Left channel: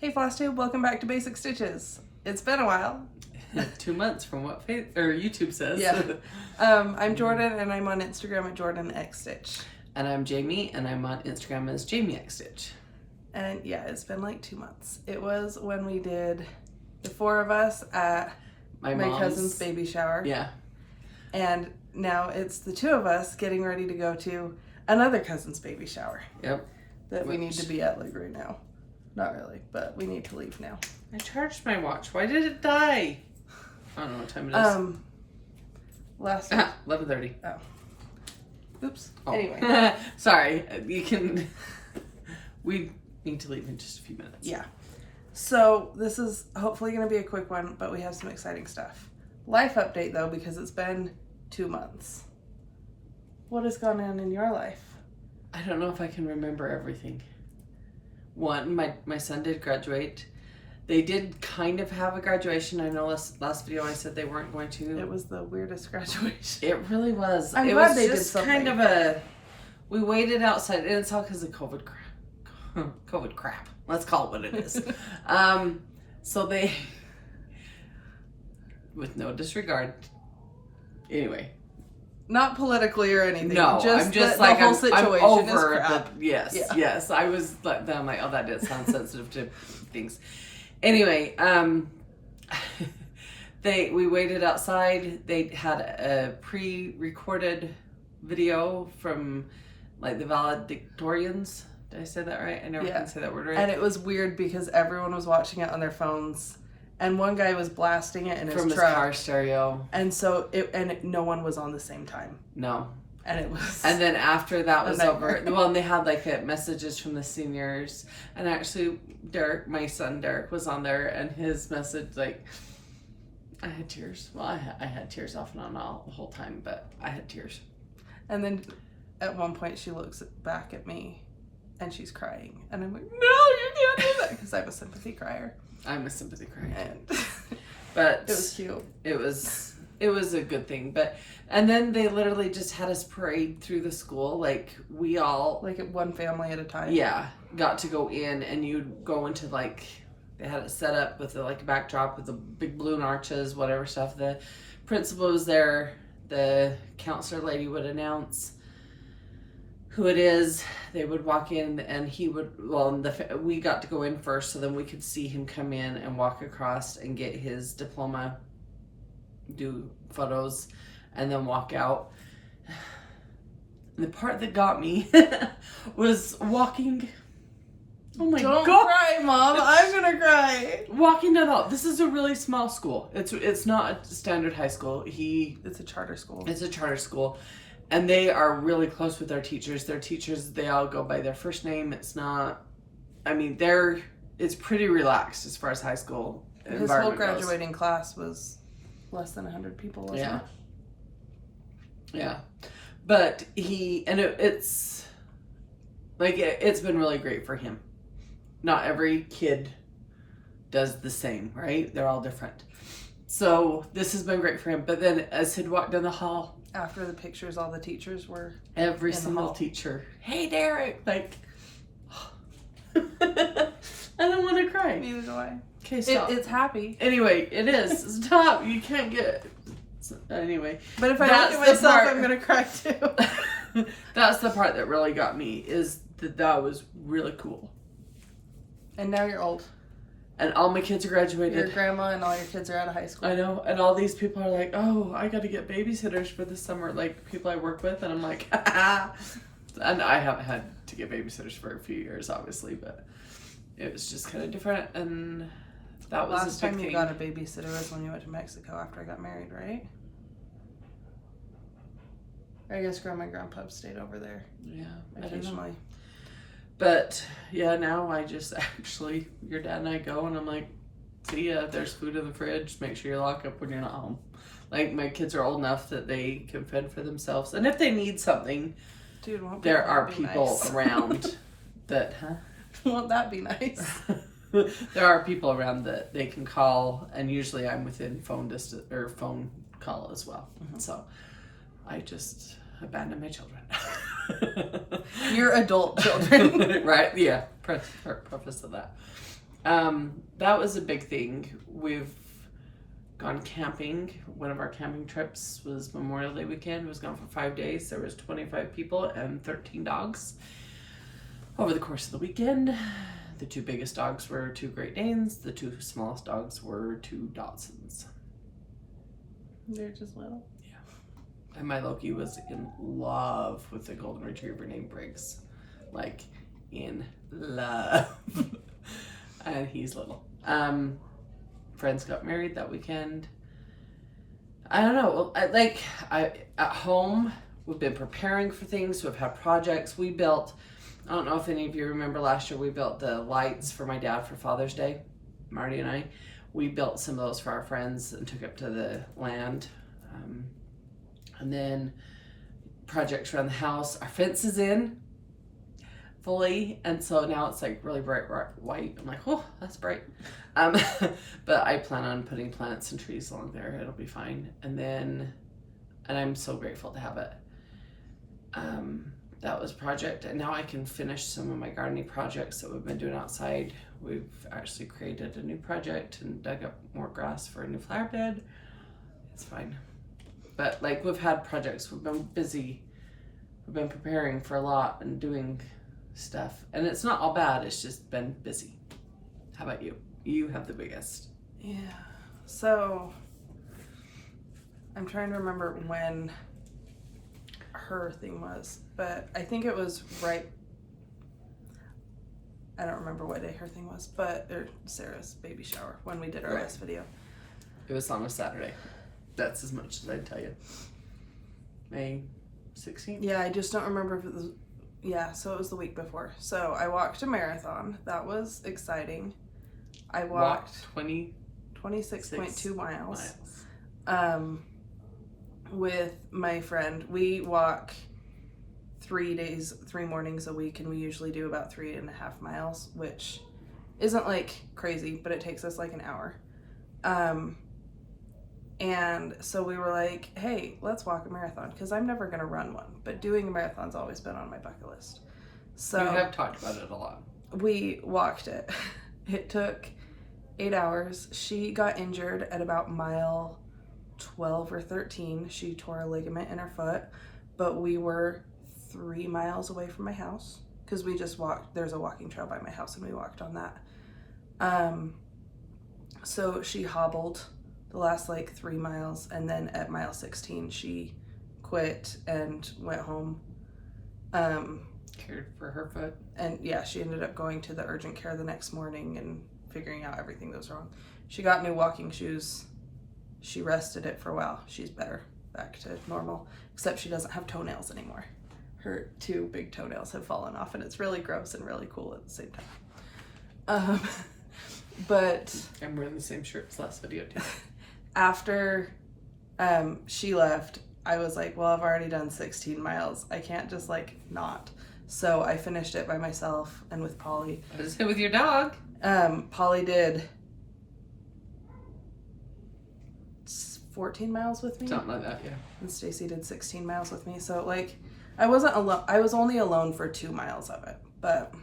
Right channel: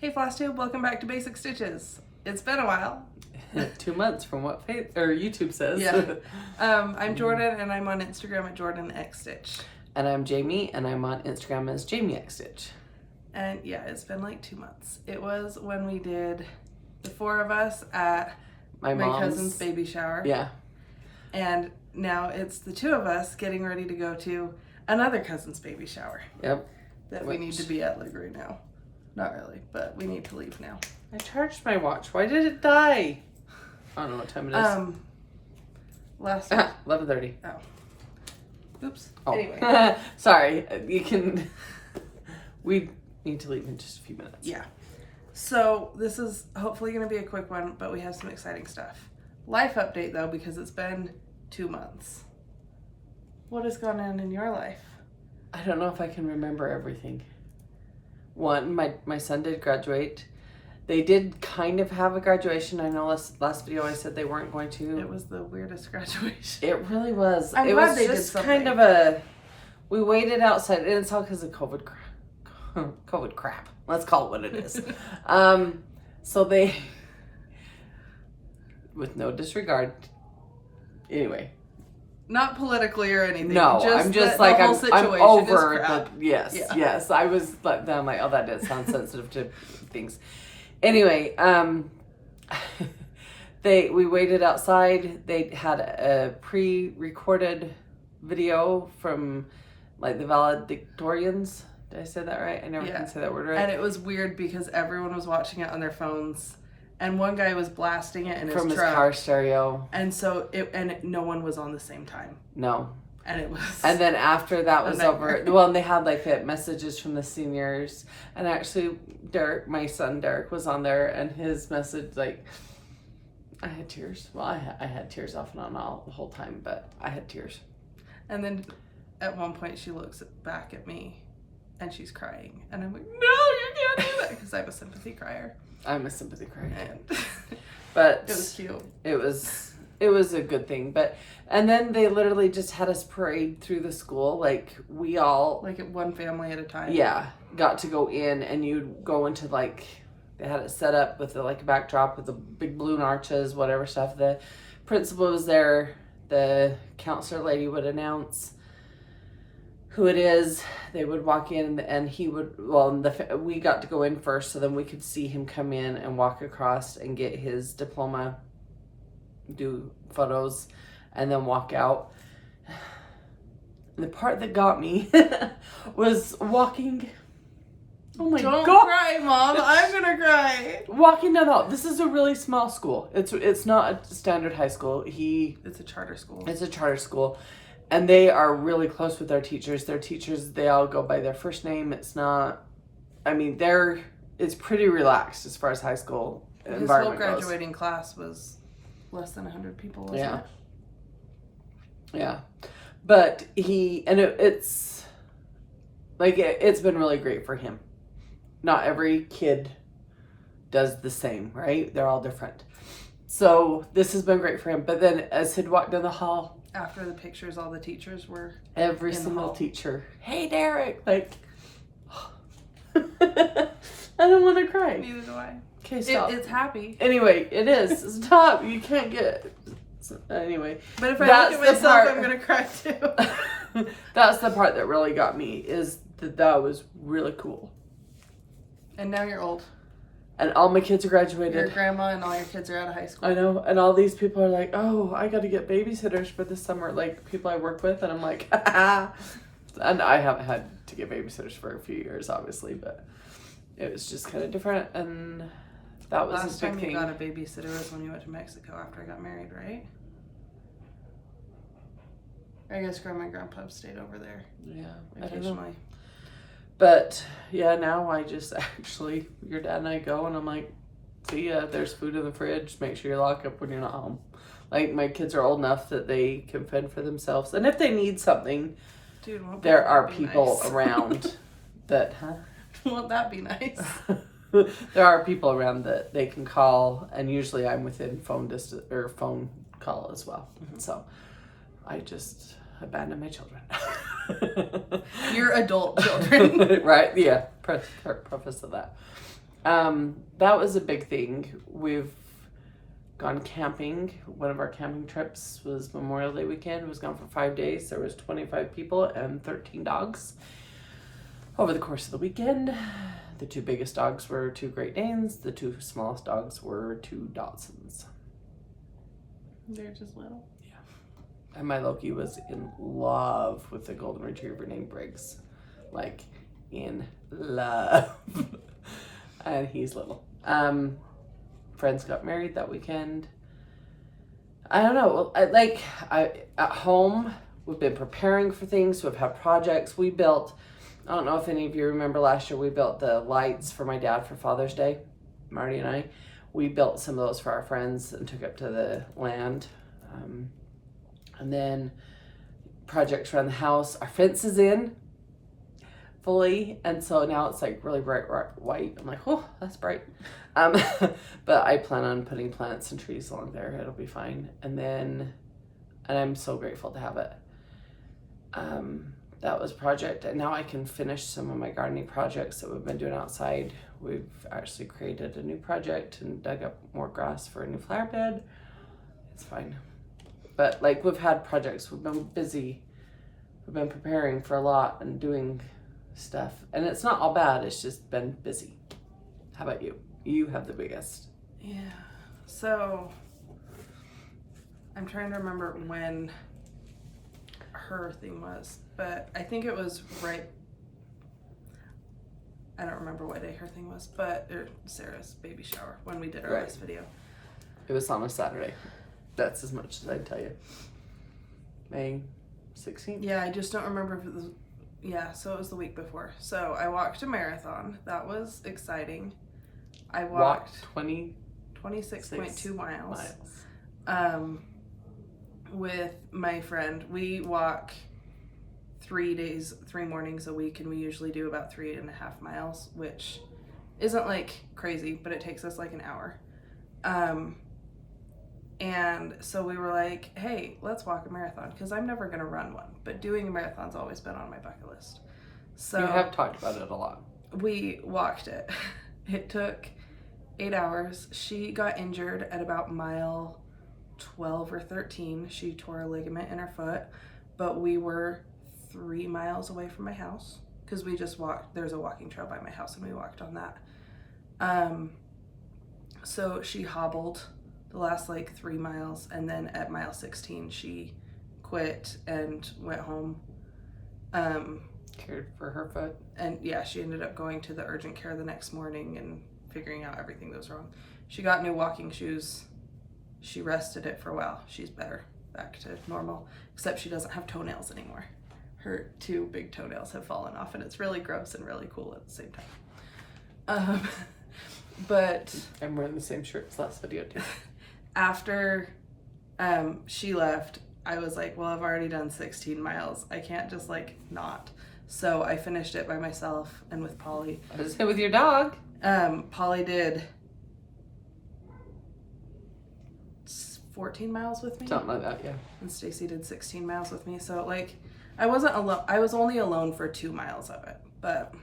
Hey Flosstube, welcome back to Basic Stitches. It's been a while. 2 months from what YouTube says. Yeah. I'm Jorden and I'm on Instagram at JordanXStitch. And I'm Jami and I'm on Instagram as JamiXStitch. And yeah, it's been like 2 months. It was when we did the 4 of us at my cousin's baby shower. Yeah. And now it's the 2 of us getting ready to go to another cousin's baby shower. Yep. That we need to be at like right now. Not really, but we need to leave now. I charged my watch. Why did it die? I don't know what time it is. Last week. 11:30. Oh. Oops. Oh. Anyway. Sorry. You can... We need to leave in just a few minutes. Yeah. So this is hopefully going to be a quick one, but we have some exciting stuff. Life update though, because it's been 2 months. What has gone on in your life? I don't know if I can remember everything. One, my son did graduate. They did kind of have a graduation. I know last video I said they weren't going to. It was the weirdest graduation. It really was. I'm glad they did something. Kind of we waited outside, and it's all because of COVID crap. Let's call it what it is. So they, with no disregard, anyway. Not politically or anything. No, just I'm just the like, whole I'm situation over is crap. Yes. I was like, I'm like, oh, that did sound sensitive to things. Anyway, we waited outside. They had a pre-recorded video from like the valedictorians. Did I say that right? I never can say that word right. And it was weird because everyone was watching it on their phones. And one guy was blasting it in his truck. From his car stereo. And so no one was on the same time. No. And it was. And then after that was over, well, and they had like messages from the seniors. And actually, my son Derek was on there, and his message, like, I had tears. Well, I had tears off and on all the whole time, but I had tears. And then at one point, she looks back at me, and she's crying, and I'm like, no, you can't do that, because I'm a sympathy crier. I'm a sympathy crier. But it was cute. It was a good thing. And then they literally just had us parade through the school. Like, we all... Like, one family at a time? Yeah. Got to go in, and you'd go into, like... They had it set up with, a backdrop with the big balloon arches, whatever stuff. The principal was there. The counselor lady would announce who it is. They would walk in, and he would... Well, we got to go in first, so then we could see him come in and walk across and get his diploma, do photos, and then walk out. And the part that got me was walking... Oh my God. Don't cry, Mom. I'm gonna cry. Walking down the hall. This is a really small school. It's not a standard high school. It's a charter school. It's a charter school. And they are really close with their teachers. Their teachers, they all go by their first name. It's not, I mean, it's pretty relaxed as far as high school environment goes. His whole graduating class was less than 100 people, wasn't it? Yeah. But it's been really great for him. Not every kid does the same, right? They're all different. So this has been great for him. But then as he'd walked down the hall, after the pictures, all the teachers were every single teacher. Hey, Derek! Like, I don't want to cry. Neither do I. Okay, stop. It's happy. Anyway, it is. Stop. You can't get... Anyway. But if I look at myself, I'm going to cry too. That's the part that really got me, is that was really cool. And now you're old. And all my kids are graduated. Your grandma and all your kids are out of high school. I know. And all these people are like, oh, I got to get babysitters for this summer. Like, people I work with. And I'm like, And I haven't had to get babysitters for a few years, obviously. But it was just kind of different. And that was last time you got a babysitter was when you went to Mexico after I got married, right? I guess Grandma and Grandpa stayed over there. Yeah. Occasionally. But, yeah, now I just actually, your dad and I go, and I'm like, see ya, there's food in the fridge, make sure you lock up when you're not home. Like, my kids are old enough that they can fend for themselves. And if they need something, dude, there are people around that, Won't that be nice? There are people around that they can call, and usually I'm within phone distance, or phone call as well. Mm-hmm. So, I just abandon my children. Your adult children. Right? Yeah. Preface of that. That was a big thing. We've gone camping. One of our camping trips was Memorial Day weekend. It was gone for 5 days. There was 25 people and 13 dogs over the course of the weekend. The 2 biggest dogs were 2 Great Danes. The 2 smallest dogs were 2 Dachshunds. They're just little. And my Loki was in love with a golden retriever named Briggs. Like, in love. And he's little. Friends got married that weekend. I don't know. At home, we've been preparing for things. We've had projects. We built, I don't know if any of you remember last year, we built the lights for my dad for Father's Day. Marty and I. We built some of those for our friends and took it to the land. And then projects around the house. Our fence is in fully, and so now it's like really bright white. I'm like, oh, that's bright. But I plan on putting plants and trees along there. It'll be fine. And I'm so grateful to have it. That was a project, and now I can finish some of my gardening projects that we've been doing outside. We've actually created a new project and dug up more grass for a new flower bed. It's fine. But like, we've had projects, we've been busy, we've been preparing for a lot and doing stuff, and it's not all bad, it's just been busy. How about you? You have the biggest. Yeah. So I'm trying to remember when her thing was, but I think it was right. I don't remember what day her thing was, but Sarah's baby shower when we did our last video. It was on a Saturday. That's as much as I'd tell you. May 16th? Yeah, I just don't remember if it was. Yeah, so it was the week before. So I walked a marathon. That was exciting. I walked 26.2 miles. With my friend. We walk 3 mornings a week, and we usually do about 3.5 miles, which isn't like crazy, but it takes us like an hour. And so we were like, hey, let's walk a marathon, because I'm never going to run one, but doing a marathon's always been on my bucket list. So we have talked about it a lot. We walked it. It took 8 hours. She got injured at about mile 12 or 13. She tore a ligament in her foot, but we were 3 miles away from my house, because we just walked. There's a walking trail by my house, and we walked on that. So she hobbled the last like 3 miles, and then at mile 16 she quit and went home. Cared for her foot. And yeah, she ended up going to the urgent care the next morning and figuring out everything that was wrong. She got new walking shoes. She rested it for a while. She's better, back to normal, except she doesn't have toenails anymore. Her 2 big toenails have fallen off, and it's really gross and really cool at the same time. But I'm wearing the same shirt as last video too. After she left, I was like, well, I've already done 16 miles. I can't just like not. So I finished it by myself and with Polly. I was with your dog. Polly did 14 miles with me. Something like that, yeah. And Stacy did 16 miles with me. So like, I wasn't alone. I was only alone for 2 miles of it, but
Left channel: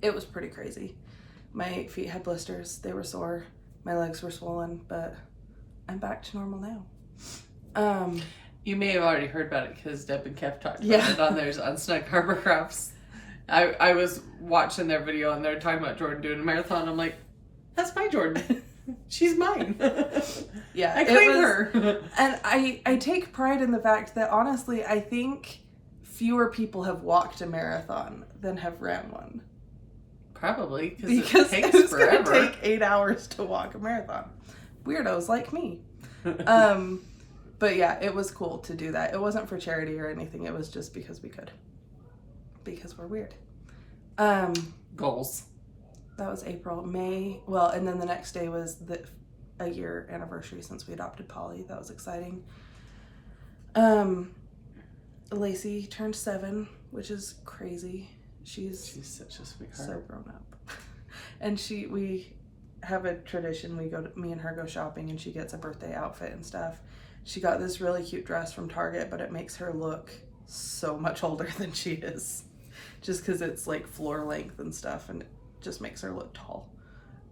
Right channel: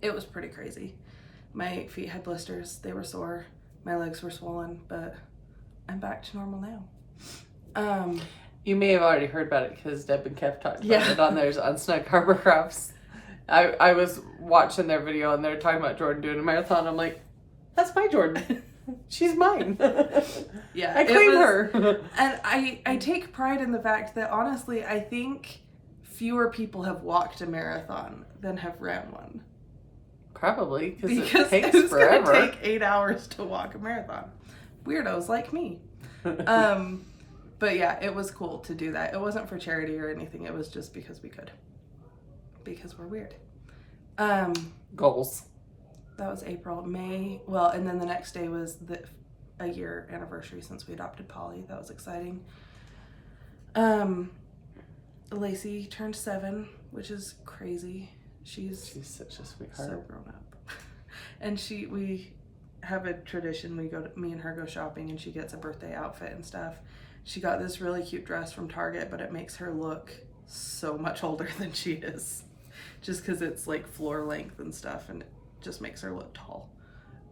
it was pretty crazy. My feet had blisters. They were sore. My legs were swollen, but I'm back to normal now. You may have already heard about it because Deb and Kev talked about it on theirs on Snug Harbor Crafts. I was watching their video and they're talking about Jorden doing a marathon. I'm like, that's my Jorden. She's mine. Yeah, I claim her. And I take pride in the fact that honestly, I think fewer people have walked a marathon than have ran one. Probably because it takes it's forever. Gonna take 8 hours to walk a marathon. Weirdos like me. But yeah, it was cool to do that. It wasn't for charity or anything. It was just because we could. Because we're weird. Goals. That was April. May. Well, and then the next day was a year anniversary since we adopted Polly. That was exciting. Lacey turned 7, which is crazy. She's such a sweetheart. So grown up. And we have a tradition. Me and her go shopping, and she gets a birthday outfit and stuff. She got this really cute dress from Target, but it makes her look so much older than she is. Just because it's like floor length and stuff, and it just makes her look tall.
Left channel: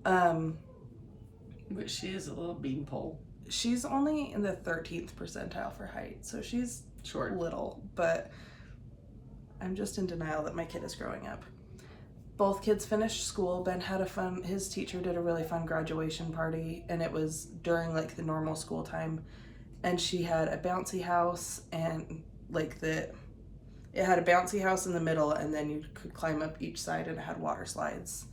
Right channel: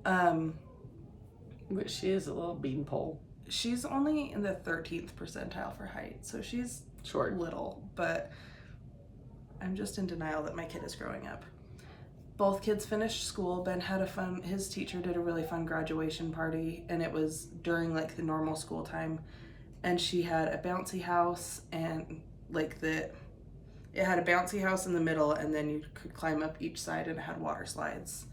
But she is a little beanpole. She's only in the 13th percentile for height, so she's Short. little, but I'm just in denial that my kid is growing up. Both kids finished school. Ben had his teacher did a really fun graduation party, and it was during like the normal school time, and she had a bouncy house, and like it had a bouncy house in the middle, and then you could climb up each side, and it had water slides.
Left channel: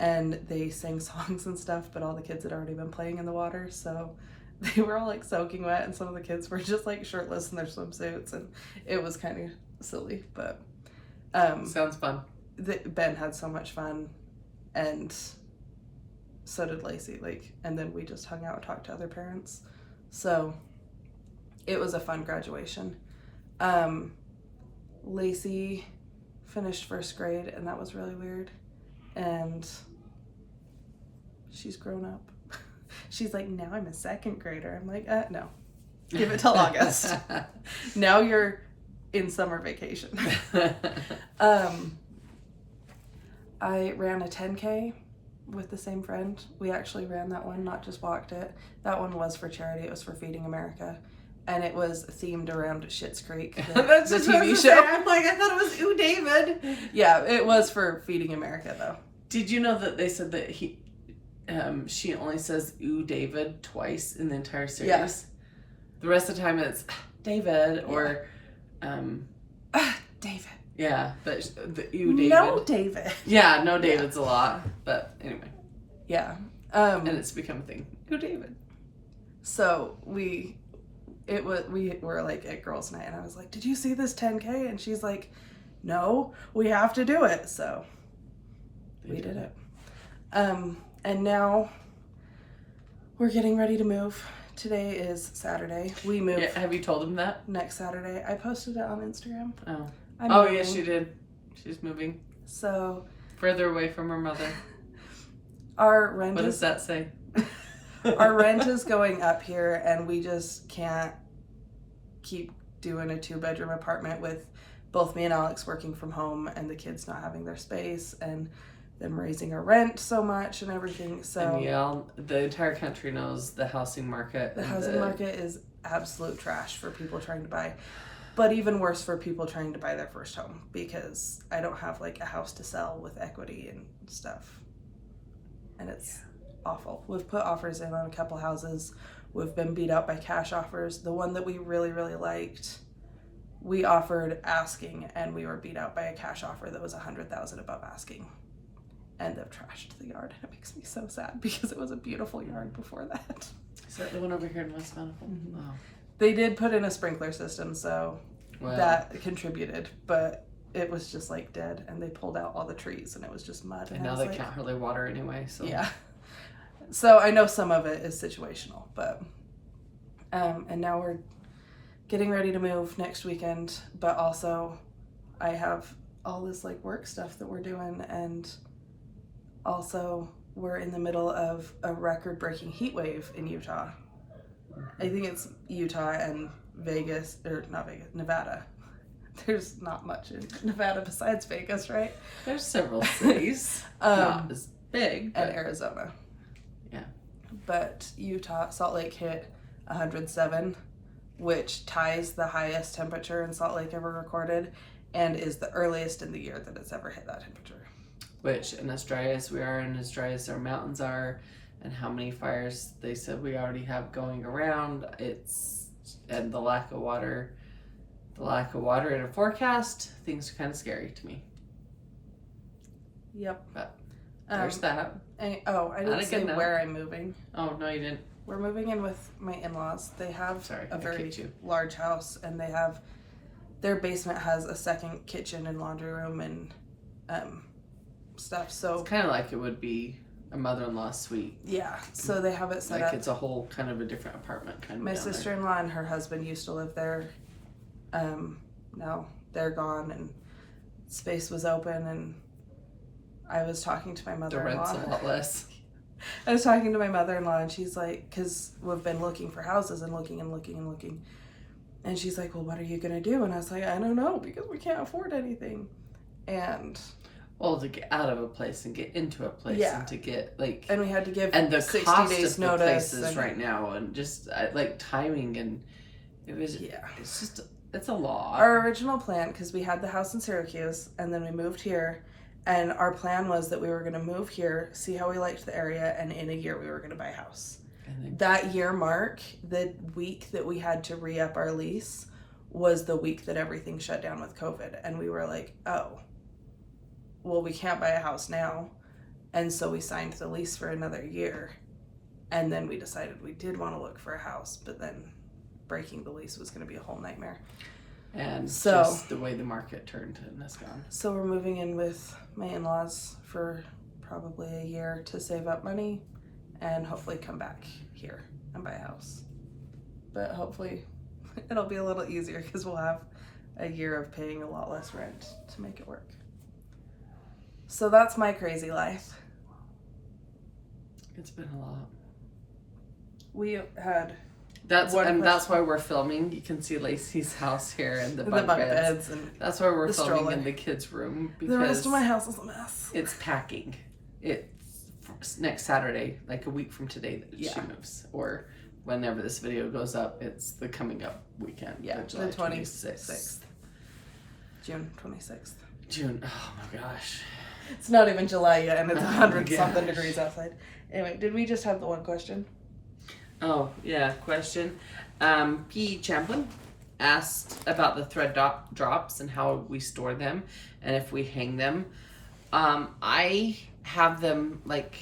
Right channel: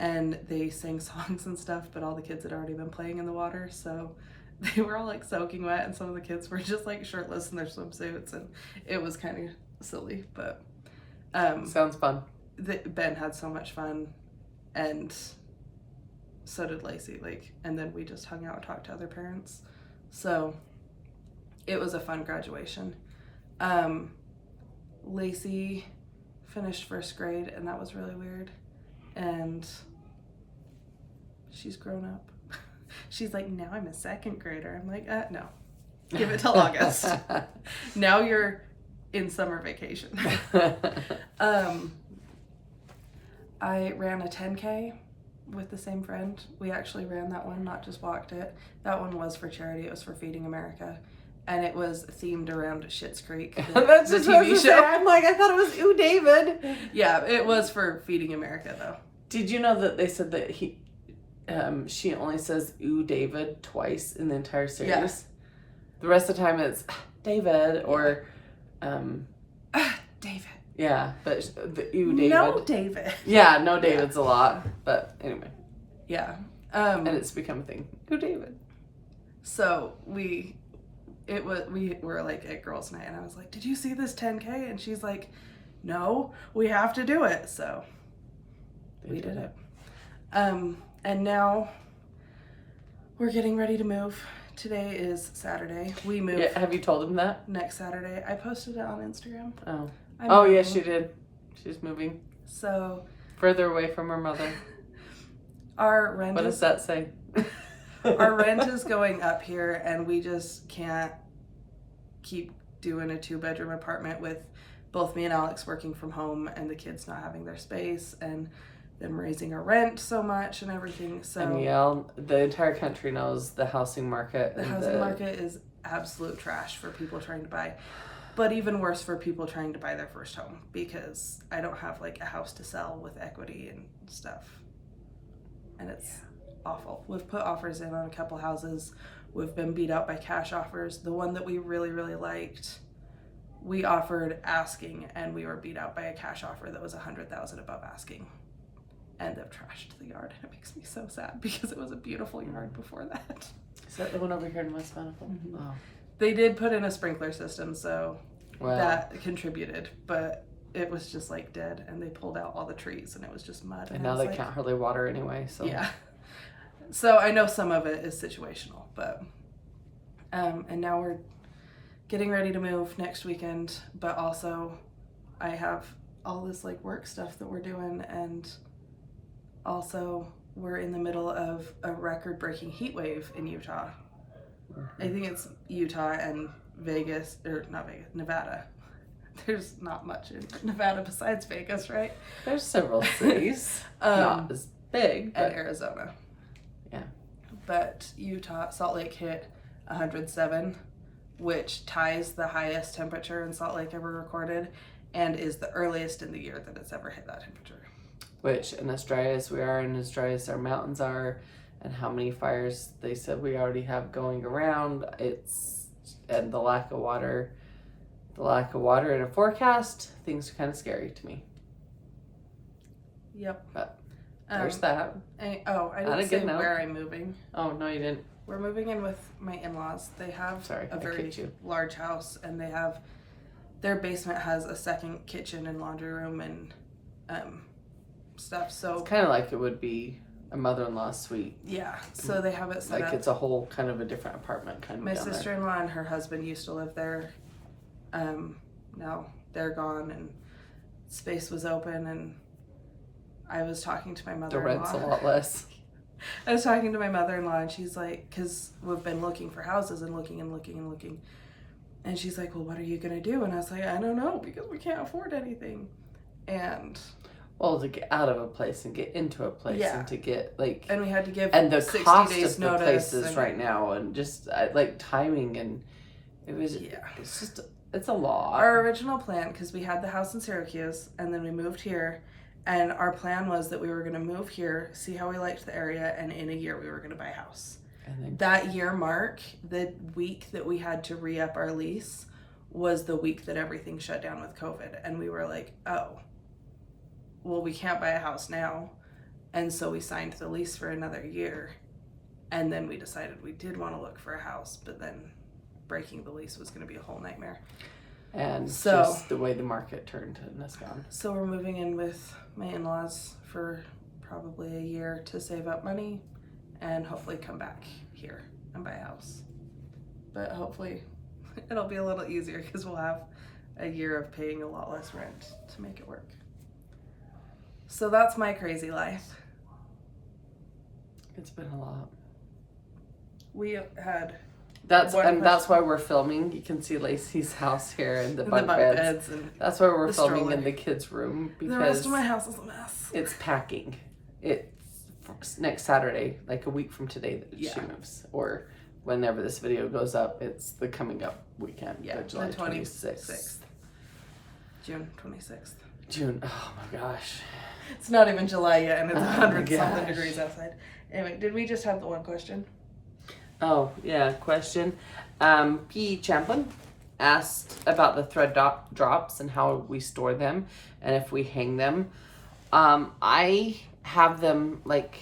And they sang songs and stuff, but all the kids had already been playing in the water, so they were all like soaking wet, and some of the kids were just like shirtless in their swimsuits, and it was kind of silly, but sounds fun. Ben had so much fun, and so did Lacey, and then we just hung out and talked to other parents, so it was a fun graduation. Lacey finished first grade, and that was really weird. And she's grown up. She's like, now I'm a second grader. I'm like, no, give it till August. Now you're in summer vacation. I ran a 10K with the same friend. We actually ran that one, not just walked it. That one was for charity. It was for Feeding America. And it was themed around Schitt's Creek, the TV show. I'm like, I thought it was Ooh, David. Yeah, it was for Feeding America, though. Did you know that they said that she only says Ooh, David twice in the entire series? Yeah. The rest of the time it's David or... David. Yeah, but the Ooh, David. No, David. Yeah, no David's a lot. But anyway. Yeah. And it's become a thing. Ooh, David. So we were like at girls' night, and I was like, did you see this 10K? And she's like, no, we have to do it. So we did it. And now we're getting ready to move. Today is Saturday. We move. Yeah, have you told them that? Next Saturday. I posted it on Instagram. Oh. I'm oh, moving. yes, she did. She's moving. So. Further away from her mother. Our rent What does that say? Our rent is going up here, and we just can't keep doing a 2-bedroom apartment with both me and Alex working from home and the kids not having their space and them raising our rent so much and everything. So and yeah, the entire country knows the housing market. The housing market is absolute trash for people trying to buy, but even worse for people trying to buy their first home, because I don't have like a house to sell with equity and stuff, and it's awful. We've put offers in on a couple houses. We've been beat out by cash offers. The one that we really, really liked, we offered asking, and we were beat out by a cash offer that was $100,000 above asking. And they've trashed the yard. It makes me so sad because it was a beautiful yard before that. Is that the one over here in West Manifold? Mm-hmm. Oh. They did put in a sprinkler system, so that contributed, but it was just like dead, and they pulled out all the trees, and it was just mud. And now they can't hardly water anyway, so. Yeah. So I know some of it is situational, but and now we're getting ready to move next weekend, but also I have all this like work stuff that we're doing, and also we're in the middle of a record-breaking heat wave in Utah. I think it's Utah and Vegas, or not Vegas, Nevada. There's not much in Nevada besides Vegas, right? There's several cities, not as big, and Arizona. Yeah. But Utah, Salt Lake hit 107, which ties the highest temperature in Salt Lake ever recorded, and is the earliest in the year that it's ever hit that temperature. Which, in as dry as we are, and as dry as our mountains are, and how many fires they said we already have going around, and the lack of water in a forecast, things are kind of scary to me. Yep. But there's that. I didn't say where I'm moving. Oh, no, you didn't. We're moving in with my in-laws. They have a very large house, and their basement has a second kitchen and laundry room and stuff. So it's kind of like it would be a mother-in-law's suite. Yeah, so they have it set up. Like it's a whole kind of a different apartment kind of. My sister-in-law and her husband used to live there. Now they're gone, and space was open, and I was talking to my mother-in-law. The rent's a lot less. I was talking to my mother-in-law, and she's like, because we've been looking for houses and looking. And she's like, well, what are you going to do? And I was like, I don't know, because we can't afford anything. And Well, to get out of a place and get into a place and to get like... And we had to give and the 60 cost days of the notice. places right now and just like timing and it was... Yeah. It's just... It's a lot. Our original plan, because we had the house in Syracuse and then we moved here, and our plan was that we were going to move here, see how we liked the area, and in a year we were going to buy a house. And then... That year mark, the week that we had to re-up our lease was the week that everything shut down with COVID. And we were like, oh, well, we can't buy a house now. And so we signed the lease for another year. And then we decided we did want to look for a house, but then breaking the lease was going to be a whole nightmare. And so, just the way the market turned and it's gone. So we're moving in with my in-laws for probably a year to save up money and hopefully come back here and buy a house. But hopefully it'll be a little easier because we'll have a year of paying a lot less rent to make it work. So that's my crazy life. It's been a lot. We had... That's why we're filming. You can see Lacey's house here and the bunk beds. And that's why we're filming stroller. In the kids' room. Because the rest of my house is a mess. It's packing. It's next Saturday, like a week from today, that she moves. Or whenever this video goes up, it's the coming up weekend. Yeah, July the 26th. June 26th. June. Oh my gosh. It's not even July yet, and it's 100-something degrees outside. Anyway, did we just have the one question? Oh, yeah, question. P. Champlin asked about the thread drops and how we store them and if we hang them. I have them, like,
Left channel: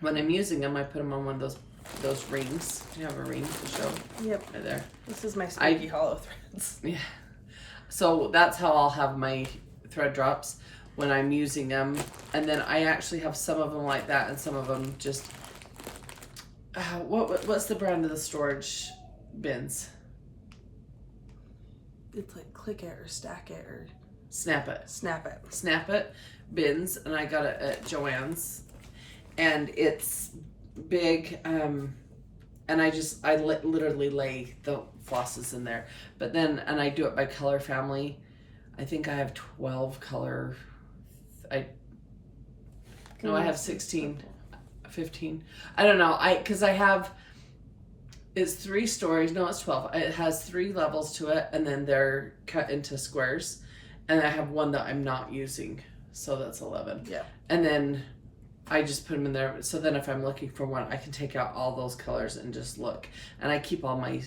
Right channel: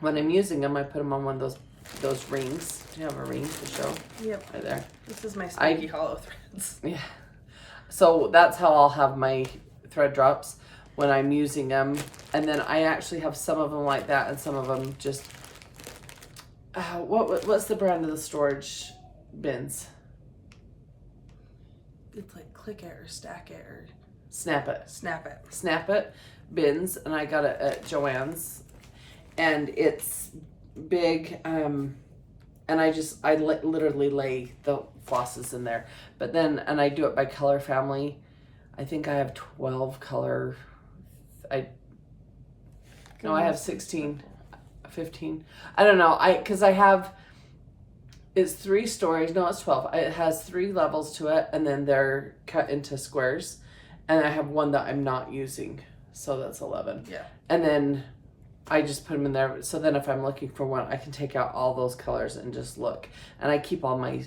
when I'm using them, I put them on one of those rings. Do you have a ring to show? Yep. Right there. This is my spooky hollow threads. Yeah. So that's how I'll have my thread drops when I'm using them. And then I actually have some of them like that and some of them just... what's the brand of the storage bins? It's like Click It or Stack It or Snap It. Snap It bins, and I got it at Joann's, and it's big. And I literally lay the flosses in there, but then I do it by color family. I think I have 12 color. I have 16. 15. I don't know. Because I have, it's 3 stories. No, it's 12. It has 3 levels to it, and then they're cut into squares. And I have one that I'm not using, so that's 11. Yeah. And then I just put them in there. So then if I'm looking for one, I can take out all those colors and just look. And I keep all my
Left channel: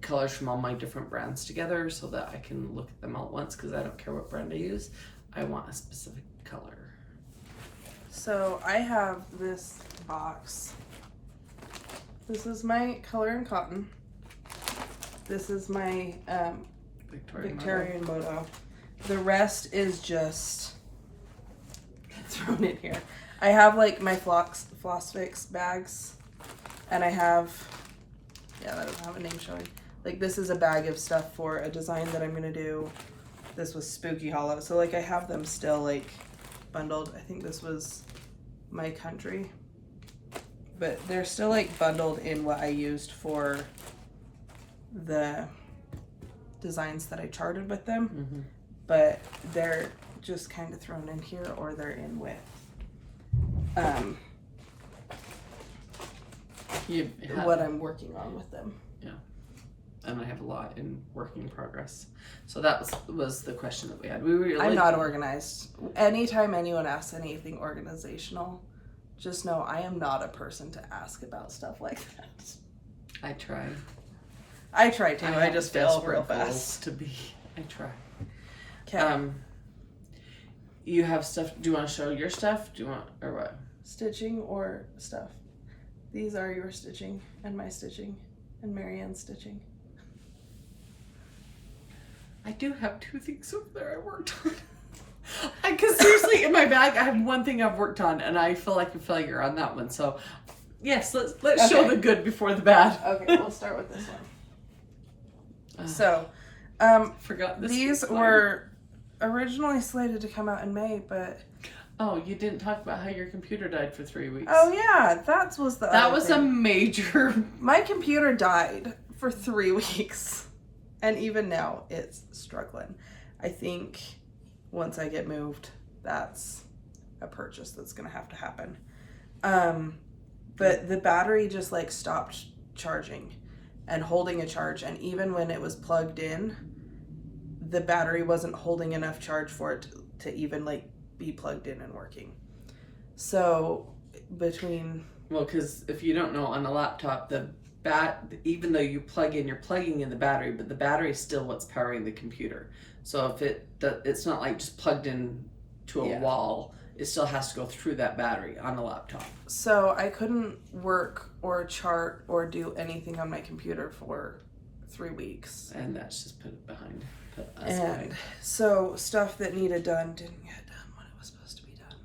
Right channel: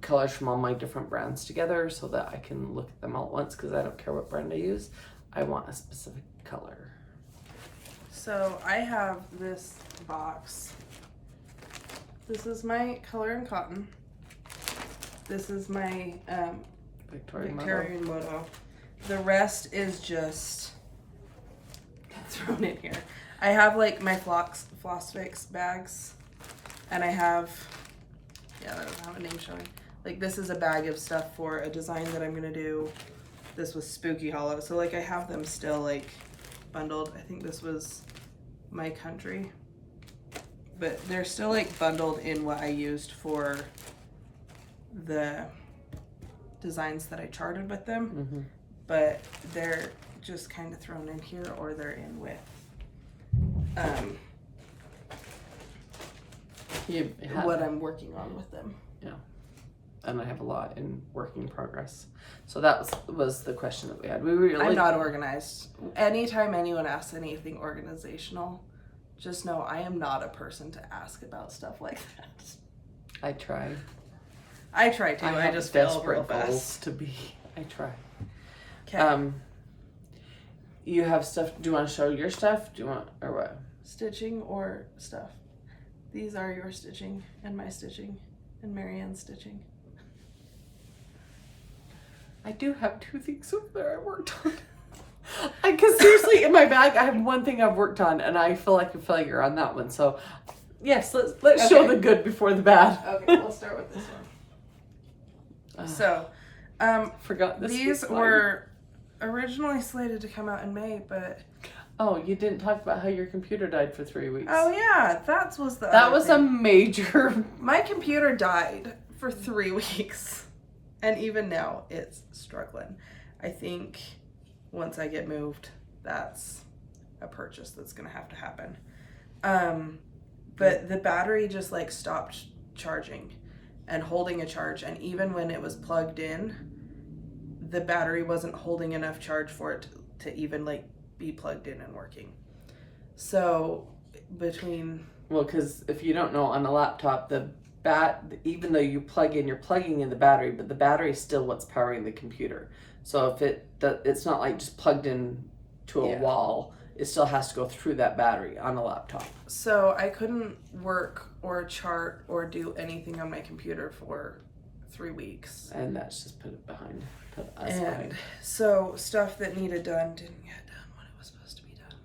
colors from all my different brands together so that I can look at them all at once, because I don't care what brand I use. I want a specific color. So I have this box. This is my Color and Cotton. This is my Victorian Moto. The rest is just thrown in here. I have like my Floss Fix bags, and I have, that doesn't have a name showing. Like this is a bag of stuff for a design that I'm gonna do. This was Spooky Hollow. So like I have them still like bundled. I think this was My Country, but they're still like bundled in what I used for the designs that I charted with them. Mm-hmm. But they're just kind of thrown in here, or they're in with what I'm working on with them. Yeah, and I have a lot in work in progress. So that was the question that we had. I'm not organized. Anytime anyone asks anything organizational, just know I am not a person to ask about stuff like that. I try. I try too. I just fail real fast. To be. I try. Okay. You have stuff. Do you want to show your stuff? Do you want, or what? Stitching or stuff. These are your stitching and my stitching and Marianne's stitching. I do have 2 things over there I worked on. Because seriously, in my bag, I have one thing I've worked on, and I feel like a failure on that one. So, yes, let's show the good before the bad. Okay, we'll start with this one. So, forgot this. These were originally slated to come out in May, but... Oh, you didn't talk about how your computer died for 3 weeks. Oh, yeah, that was the That was a major... My computer died for 3 weeks. And even now, it's struggling. I think once I get moved, that's a purchase that's gonna have to happen. But the battery just like stopped charging and holding a charge, and even when it was plugged in, the battery wasn't holding enough charge for it to even like be plugged in and working. So because if you don't know, on a laptop, even though you you're plugging in the battery, but the battery is still what's powering the computer. So if it's not like just plugged in to a wall, it still has to go through that battery on a laptop. So I couldn't work or chart or do anything on my computer for 3 weeks. And that's just put us behind. So stuff that needed done didn't get done when it was supposed to be done.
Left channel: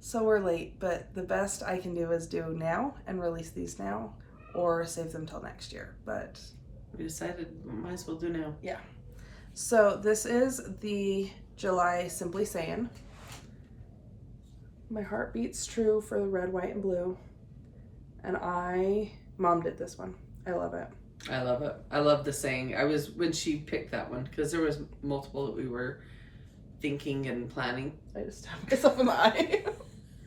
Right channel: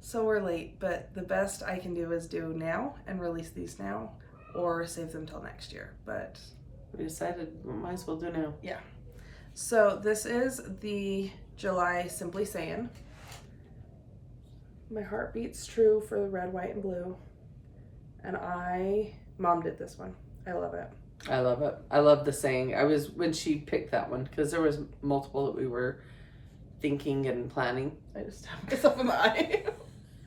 So we're late, but the best I can do is do now and release these now, or save them till next year. But we decided we might as well do now. Yeah. So this is the July Simply Saying. My heart beats true for the red, white, and blue. And Mom did this one. I love it. I love it. I love the saying. When she picked that one, because there was multiple that we were thinking and planning. I just stabbed myself in the eye.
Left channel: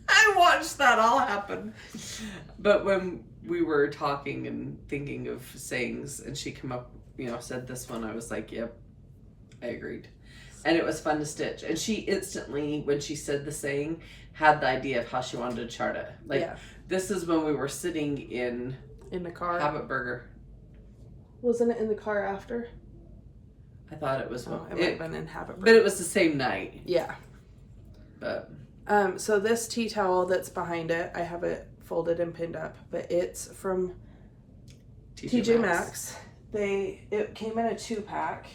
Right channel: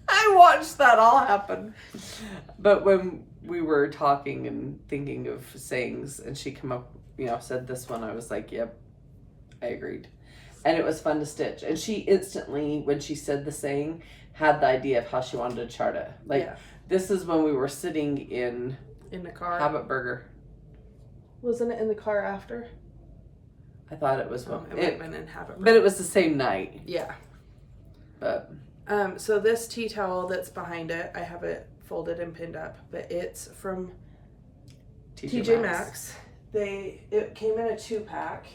I watched that all happen. But when we were talking and thinking of sayings, and she came up, said this one, I was like, yep, I agreed. And it was fun to stitch. And she instantly, when she said the saying, had the idea of how she wanted to chart it. This is when we were sitting in the car. Habit Burger. Wasn't it in the car after? I thought it was. It might have been in Habit Burger. But it was the same night. Yeah. But. So this tea towel that's behind it, I have it folded and pinned up, but it's from TJ Maxx. It came in a 2-pack.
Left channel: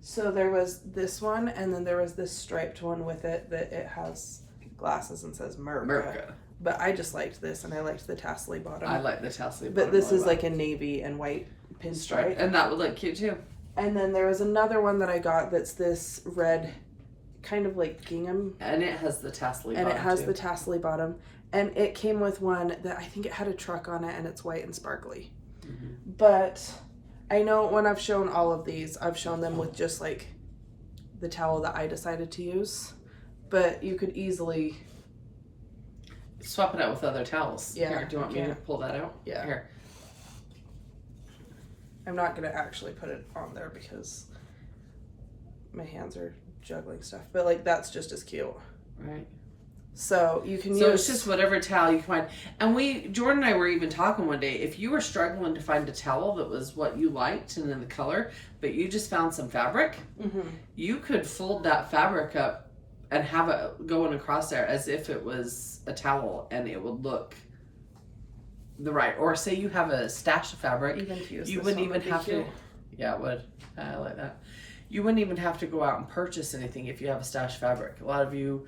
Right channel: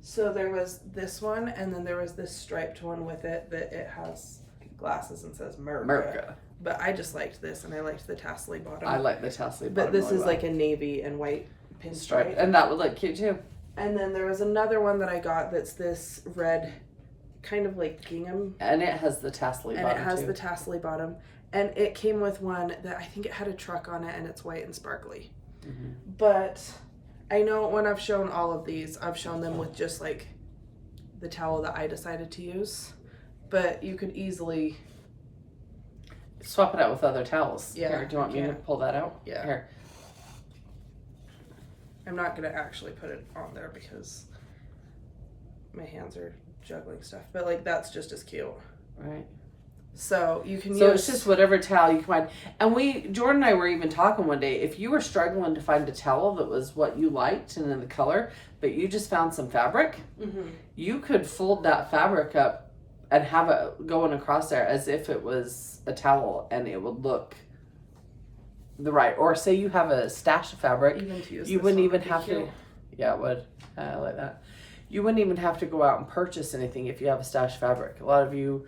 So there was this one, and then there was this striped one with it that it has glasses and says Merca. But I just liked this, and I liked the tassely bottom. I like the tassely bottom. But this is like a navy and white pinstripe. And that would look cute too. And then there was another one that I got that's this red, kind of like gingham. And it has the tassely bottom. And it has the tassely bottom. And it came with one that I think it had a truck on it, and it's white and sparkly. Mm-hmm. But I know when I've shown all of these, I've shown them with just like the towel that I decided to use. But you could easily swap it out with other towels. Yeah. Here, do you want me to pull that out? Yeah. Here. I'm not going to actually put it on there because my hands are juggling stuff. But like that's just as cute. Right. So you can use... So it's just whatever towel you can find. And Jorden and I were even talking one day, if you were struggling to find a towel that was what you liked and in the color, but you just found some fabric, you could fold that fabric up and have it going across there as if it was a towel, and it would look the right. Or say you have a stash of fabric, even to use you wouldn't even have to. Yeah, it would. I like that. You wouldn't even have to go out and purchase anything if you have a stash of fabric. A lot of you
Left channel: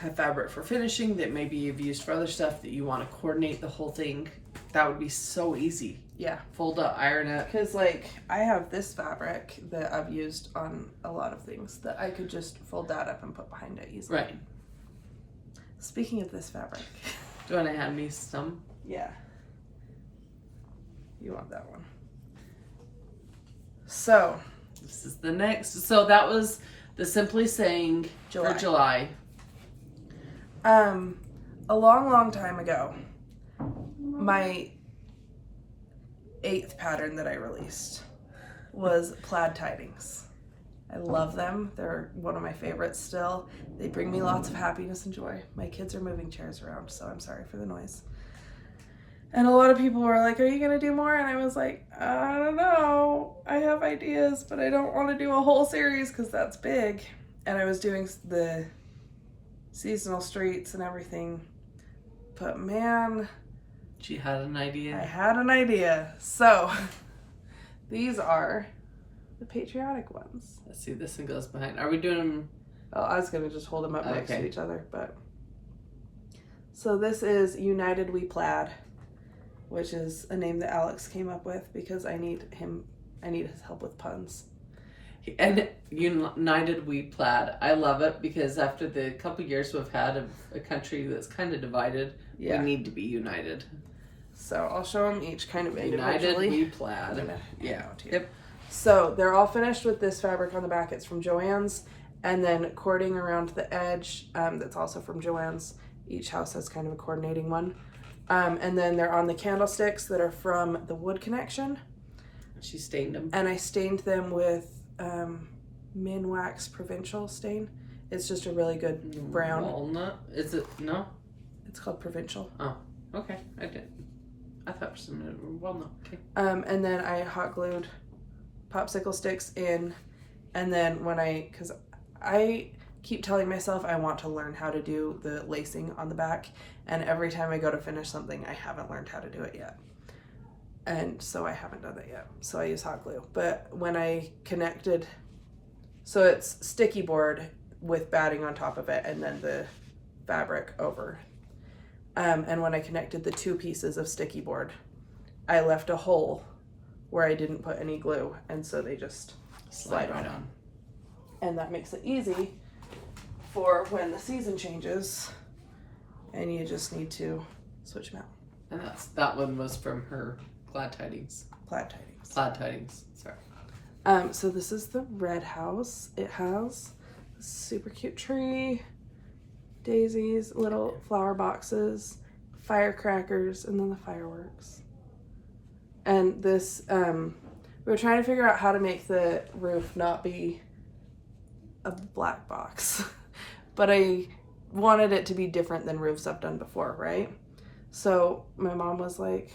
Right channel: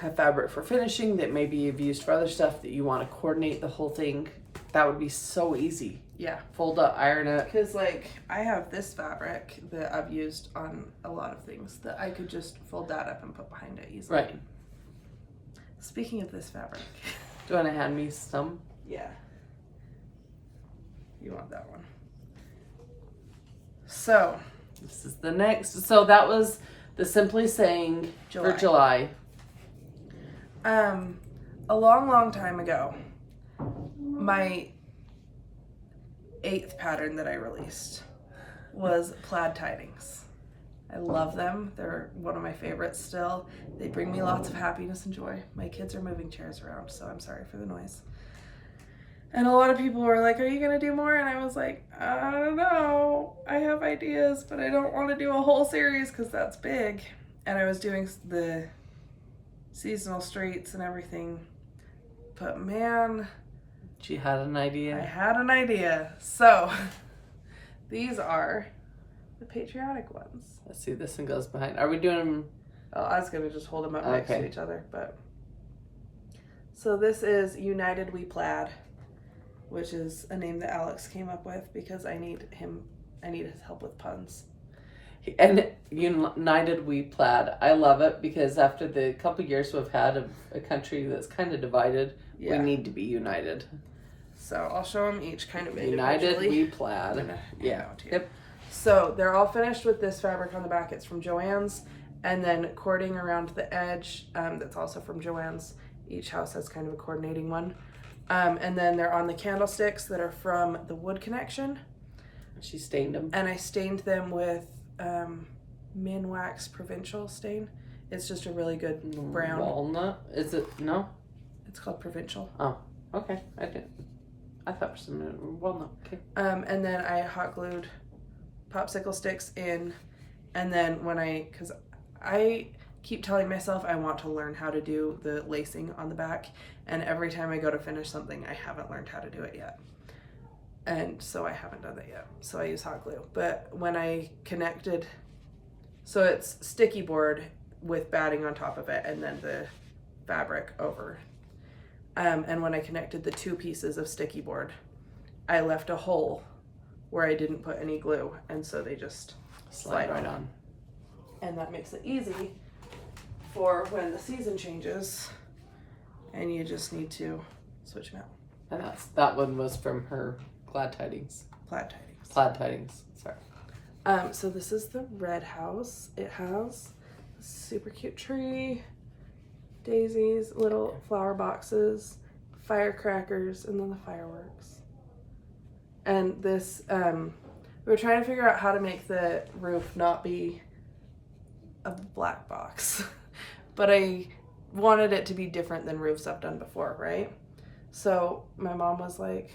have fabric for finishing that maybe you've used for other stuff that you want to coordinate the whole thing. That would be so easy. Yeah. Fold up, iron it. Because like I have this fabric that I've used on a lot of things that I could just fold that up and put behind it easily. Right. Speaking of this fabric. Do you want to hand me some? Yeah. You want that one. So. This is the next. So that was the Simply Saying for July. A long time ago, my 8th pattern that I released was Plaid Tidings. I love them. They're one of my favorites still. They bring me lots of happiness and joy. My kids are moving chairs around, so I'm sorry for the noise. And a lot of people were like, are you going to do more? And I was like, I don't know. I have ideas, but I don't want to do a whole series because that's big. And I was doing the seasonal streets and everything. But man, she had an idea. I had an idea. So these are the patriotic ones. Let's see, this one goes behind. Are we doing them? Oh, I was going to just hold them up next to each other, but. So this is United We Plaid, which is a name that Alex came up with because I need his help with puns. And United We Plaid. I love it because after the couple years we've had of a country that's kind of divided, we need to be united. So I'll show them each kind of United individually. We Plaid. I'm gonna hand out to you. Yep. So they're all finished with this fabric on the back. It's from Joann's, and then cording around the edge, that's also from Joann's. Each house has kind of a coordinating one. And then they're on the candlesticks that are from the wood connection. She stained them. And I stained them with Min Wax Provincial stain. It's just a really good brown. Walnut? Is it? No? It's called Provincial. Oh, okay. I thought for some minute walnut. Okay. And then I hot glued popsicle sticks in. And then because I keep telling myself I want to learn how to do the lacing on the back, and every time I go to finish something, I haven't learned how to do it yet. And so I haven't done that yet. So I use hot glue. But when I connected, so it's sticky board with batting on top of it and then the fabric over. And when I connected the two pieces of sticky board, I left a hole where I didn't put any glue, and so they just slide on. And that makes it easy for when the season changes and you just need to switch them out. And that one was from her Plaid Tidings. Plaid Tidings. Plaid Tidings. Sorry. So this is the red house. It has a super cute tree, daisies, little flower boxes, firecrackers, and then the fireworks. And this, we were trying to figure out how to make the roof not be a black box. But I wanted it to be different than roofs I've done before, right? So my mom was like,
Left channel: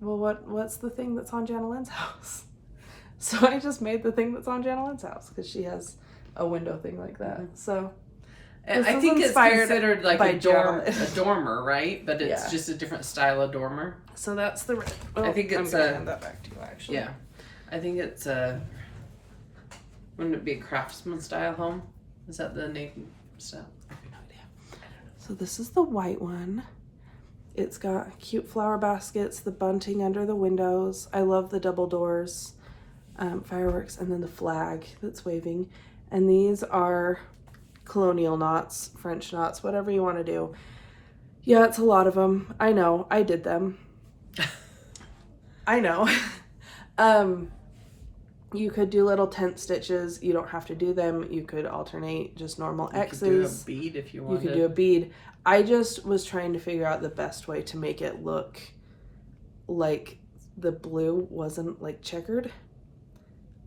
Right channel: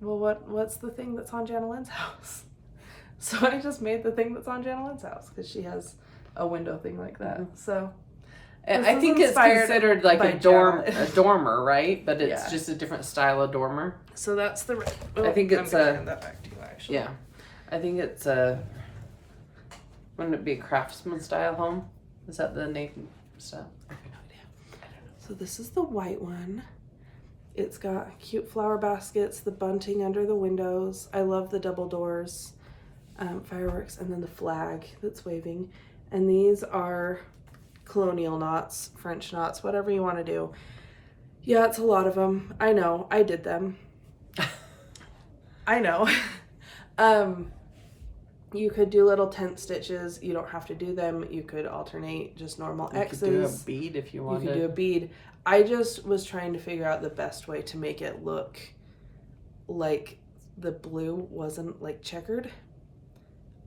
well, what's the thing that's on Janalyn's house? So I just made the thing that's on Janalyn's house because she has a window thing like that. Mm-hmm. So I think it's considered like a dormer, right? But it's just a different style of dormer. So that's the red. Well, I think it's I'm gonna hand that back to you, actually. Yeah, I think it's wouldn't it be a craftsman style home? Is that the name style? I have no idea. So this is the white one. It's got cute flower baskets, the bunting under the windows. I love the double doors, fireworks, and then the flag that's waving. And these are colonial knots, French knots, whatever you want to do. Yeah, it's a lot of them. I know. I did them. I know. You could do little tent stitches. You don't have to do them. You could alternate just normal X's. You could do a bead if you wanted. You could do a bead. I just was trying to figure out the best way to make it look like the blue wasn't like checkered,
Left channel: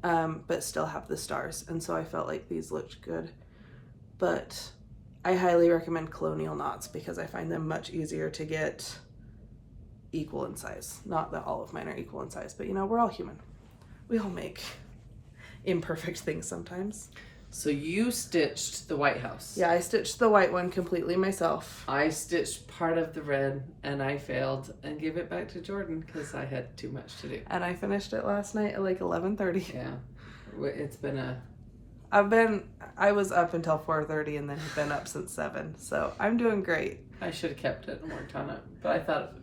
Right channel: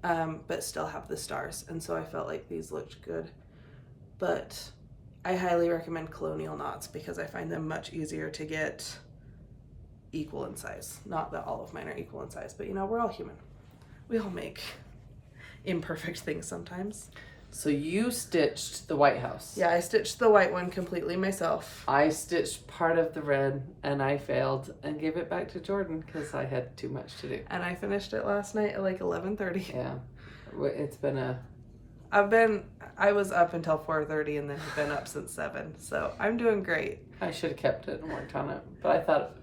but still have the stars. And so I felt like these looked good. But I highly recommend colonial knots because I find them much easier to get equal in size. Not that all of mine are equal in size, but you know, we're all human. We all make imperfect things sometimes. So you stitched the white house. Yeah, I stitched the white one completely myself. I stitched part of the red and I failed and gave it back to Jorden because I had too much to do. And I finished it last night at like 11:30. Yeah, it's been I was up until 4:30 and then have been up since 7. So I'm doing great. I should have kept it and worked on it. But I thought,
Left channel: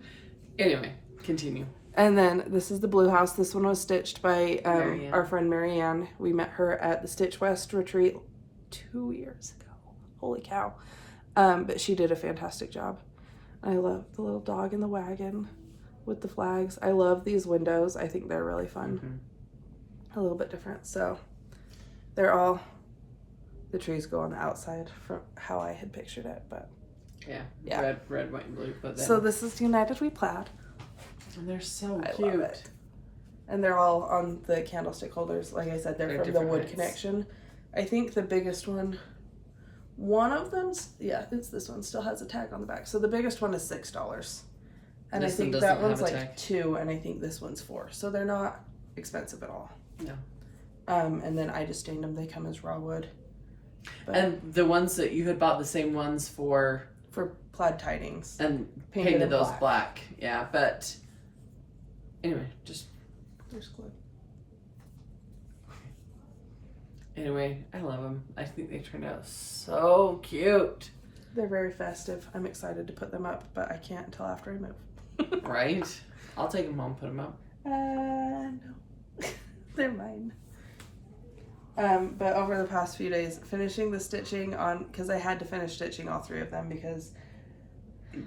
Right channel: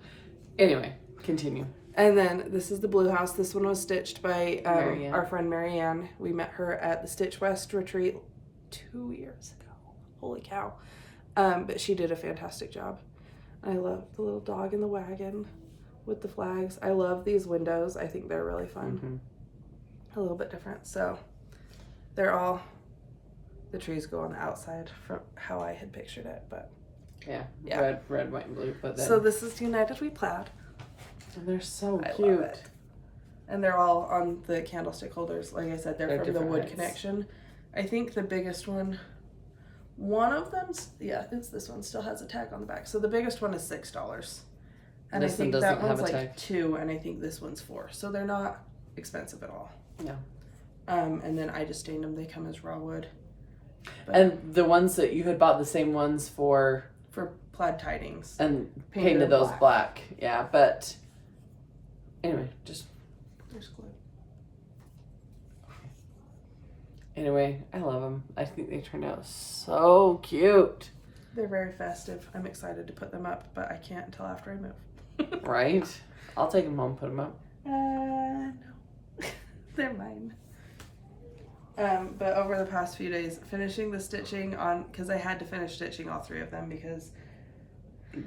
anyway, continue. And then this is the blue house. This one was stitched by our friend Marianne. We met her at the Stitch West retreat 2 years ago. Holy cow. But she did a fantastic job. I love the little dog in the wagon with the flags. I love these windows. I think they're really fun. Mm-hmm. A little bit different. So they're all, the trees go on the outside from how I had pictured it. But yeah. Red, white, and blue. But then... So this is United We Plaid. And they're so I cute. love it. And they're all on the candlestick holders. Like I said, they're from the wood connection. I think the biggest one of them, it's this one, still has a tag on the back. So the biggest one is $6. And I think that one's like $2, and I think this one's $4. So they're not expensive at all. Yeah. And then I just stained them. They come as raw wood. But and the ones that you had bought the same ones for Plaid Tidings. And painted those black. Yeah, but... Anyway, there's glue. Anyway, I love them. I think they turned out so cute. They're very festive. I'm excited to put them up, but I can't until after I move. Right? I'll take them home and put them up. No. They're mine. But over the past few days, finishing the stitching on, because I had to finish stitching all 3 of them because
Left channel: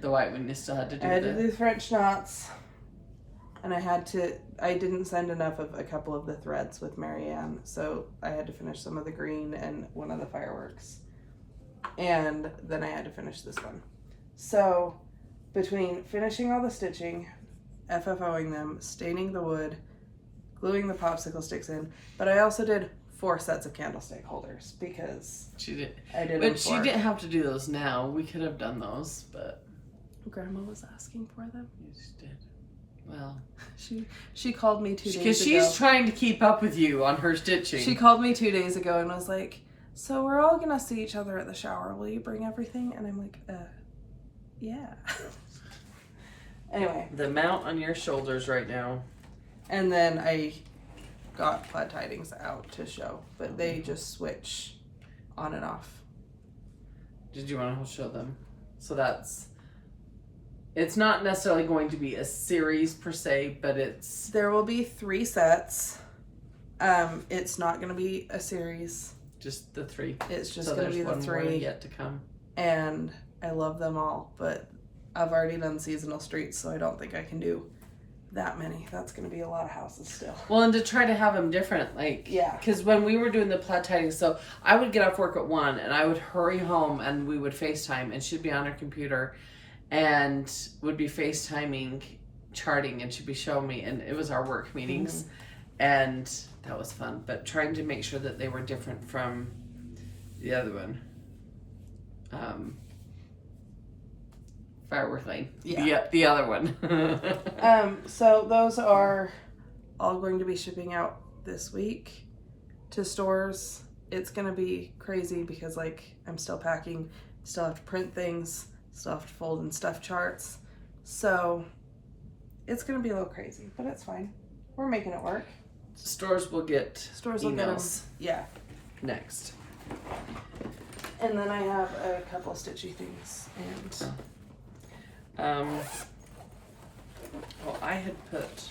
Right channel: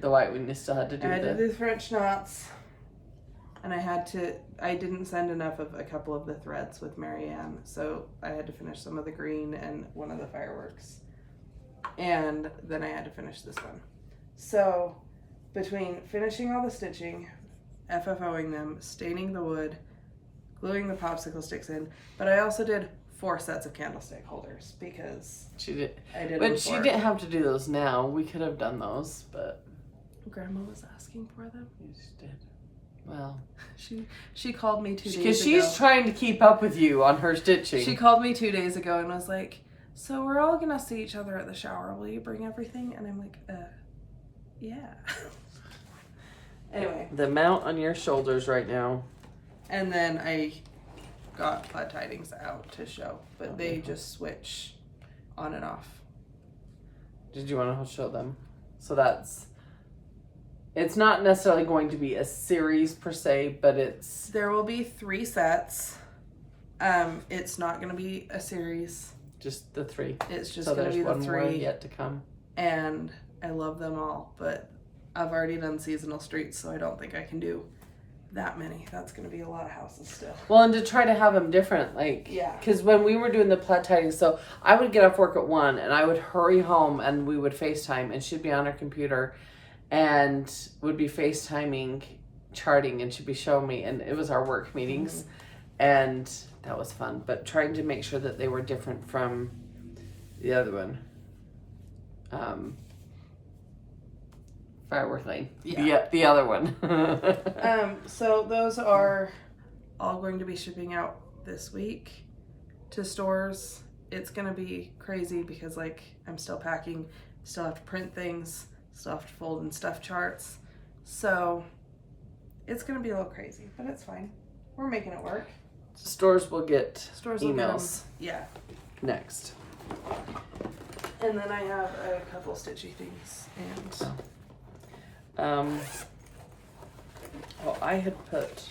the white one you still had to do. I had to do the French knots. And I didn't send enough of a couple of the threads with Marianne, so I had to finish some of the green and one of the fireworks. And then I had to finish this one. So between finishing all the stitching, FFOing them, staining the wood, gluing the popsicle sticks in, but I also did 4 sets of candlestick holders because she did. I did. But she didn't have to do those now. We could have done those, but Grandma was asking for them. you just did. Well, she called me 2 days ago. Because she's trying to keep up with you on her stitching. She called me 2 days ago and was like, "So we're all gonna see each other at the shower. Will you bring everything?" And I'm like, yeah. Anyway. The amount on your shoulders right now. And then I got Plaid Tidings out to show, but they just switch on and off. Did you want to show them? So it's not necessarily going to be a series per se, but there will be 3 sets. It's not going to be a series. Just the 3. It's just going to be the 3 more yet to come. And I love them all, but I've already done seasonal streets, so I don't think I can do that many. That's going to be a lot of houses still. Well, and to try to have them different, like, yeah. Because when we were doing the Plaid Tidings, so I would get off work at 1 and I would hurry home and we would FaceTime and she'd be on her computer and would be FaceTiming, charting, and she'd be showing me, and it was our work meetings, and that was fun. But trying to make sure that they were different from the other one. Firework Lane. Yeah, the other one. So those are all going to be shipping out this week to stores. It's going to be crazy because, like, I'm still packing, still have to print things, still have to fold and stuff charts. So it's going to be a little crazy, but it's fine. We're making it work. Stores will get emails. Will get them, yeah. Next. And then I have a couple stitchy things and well, I had put,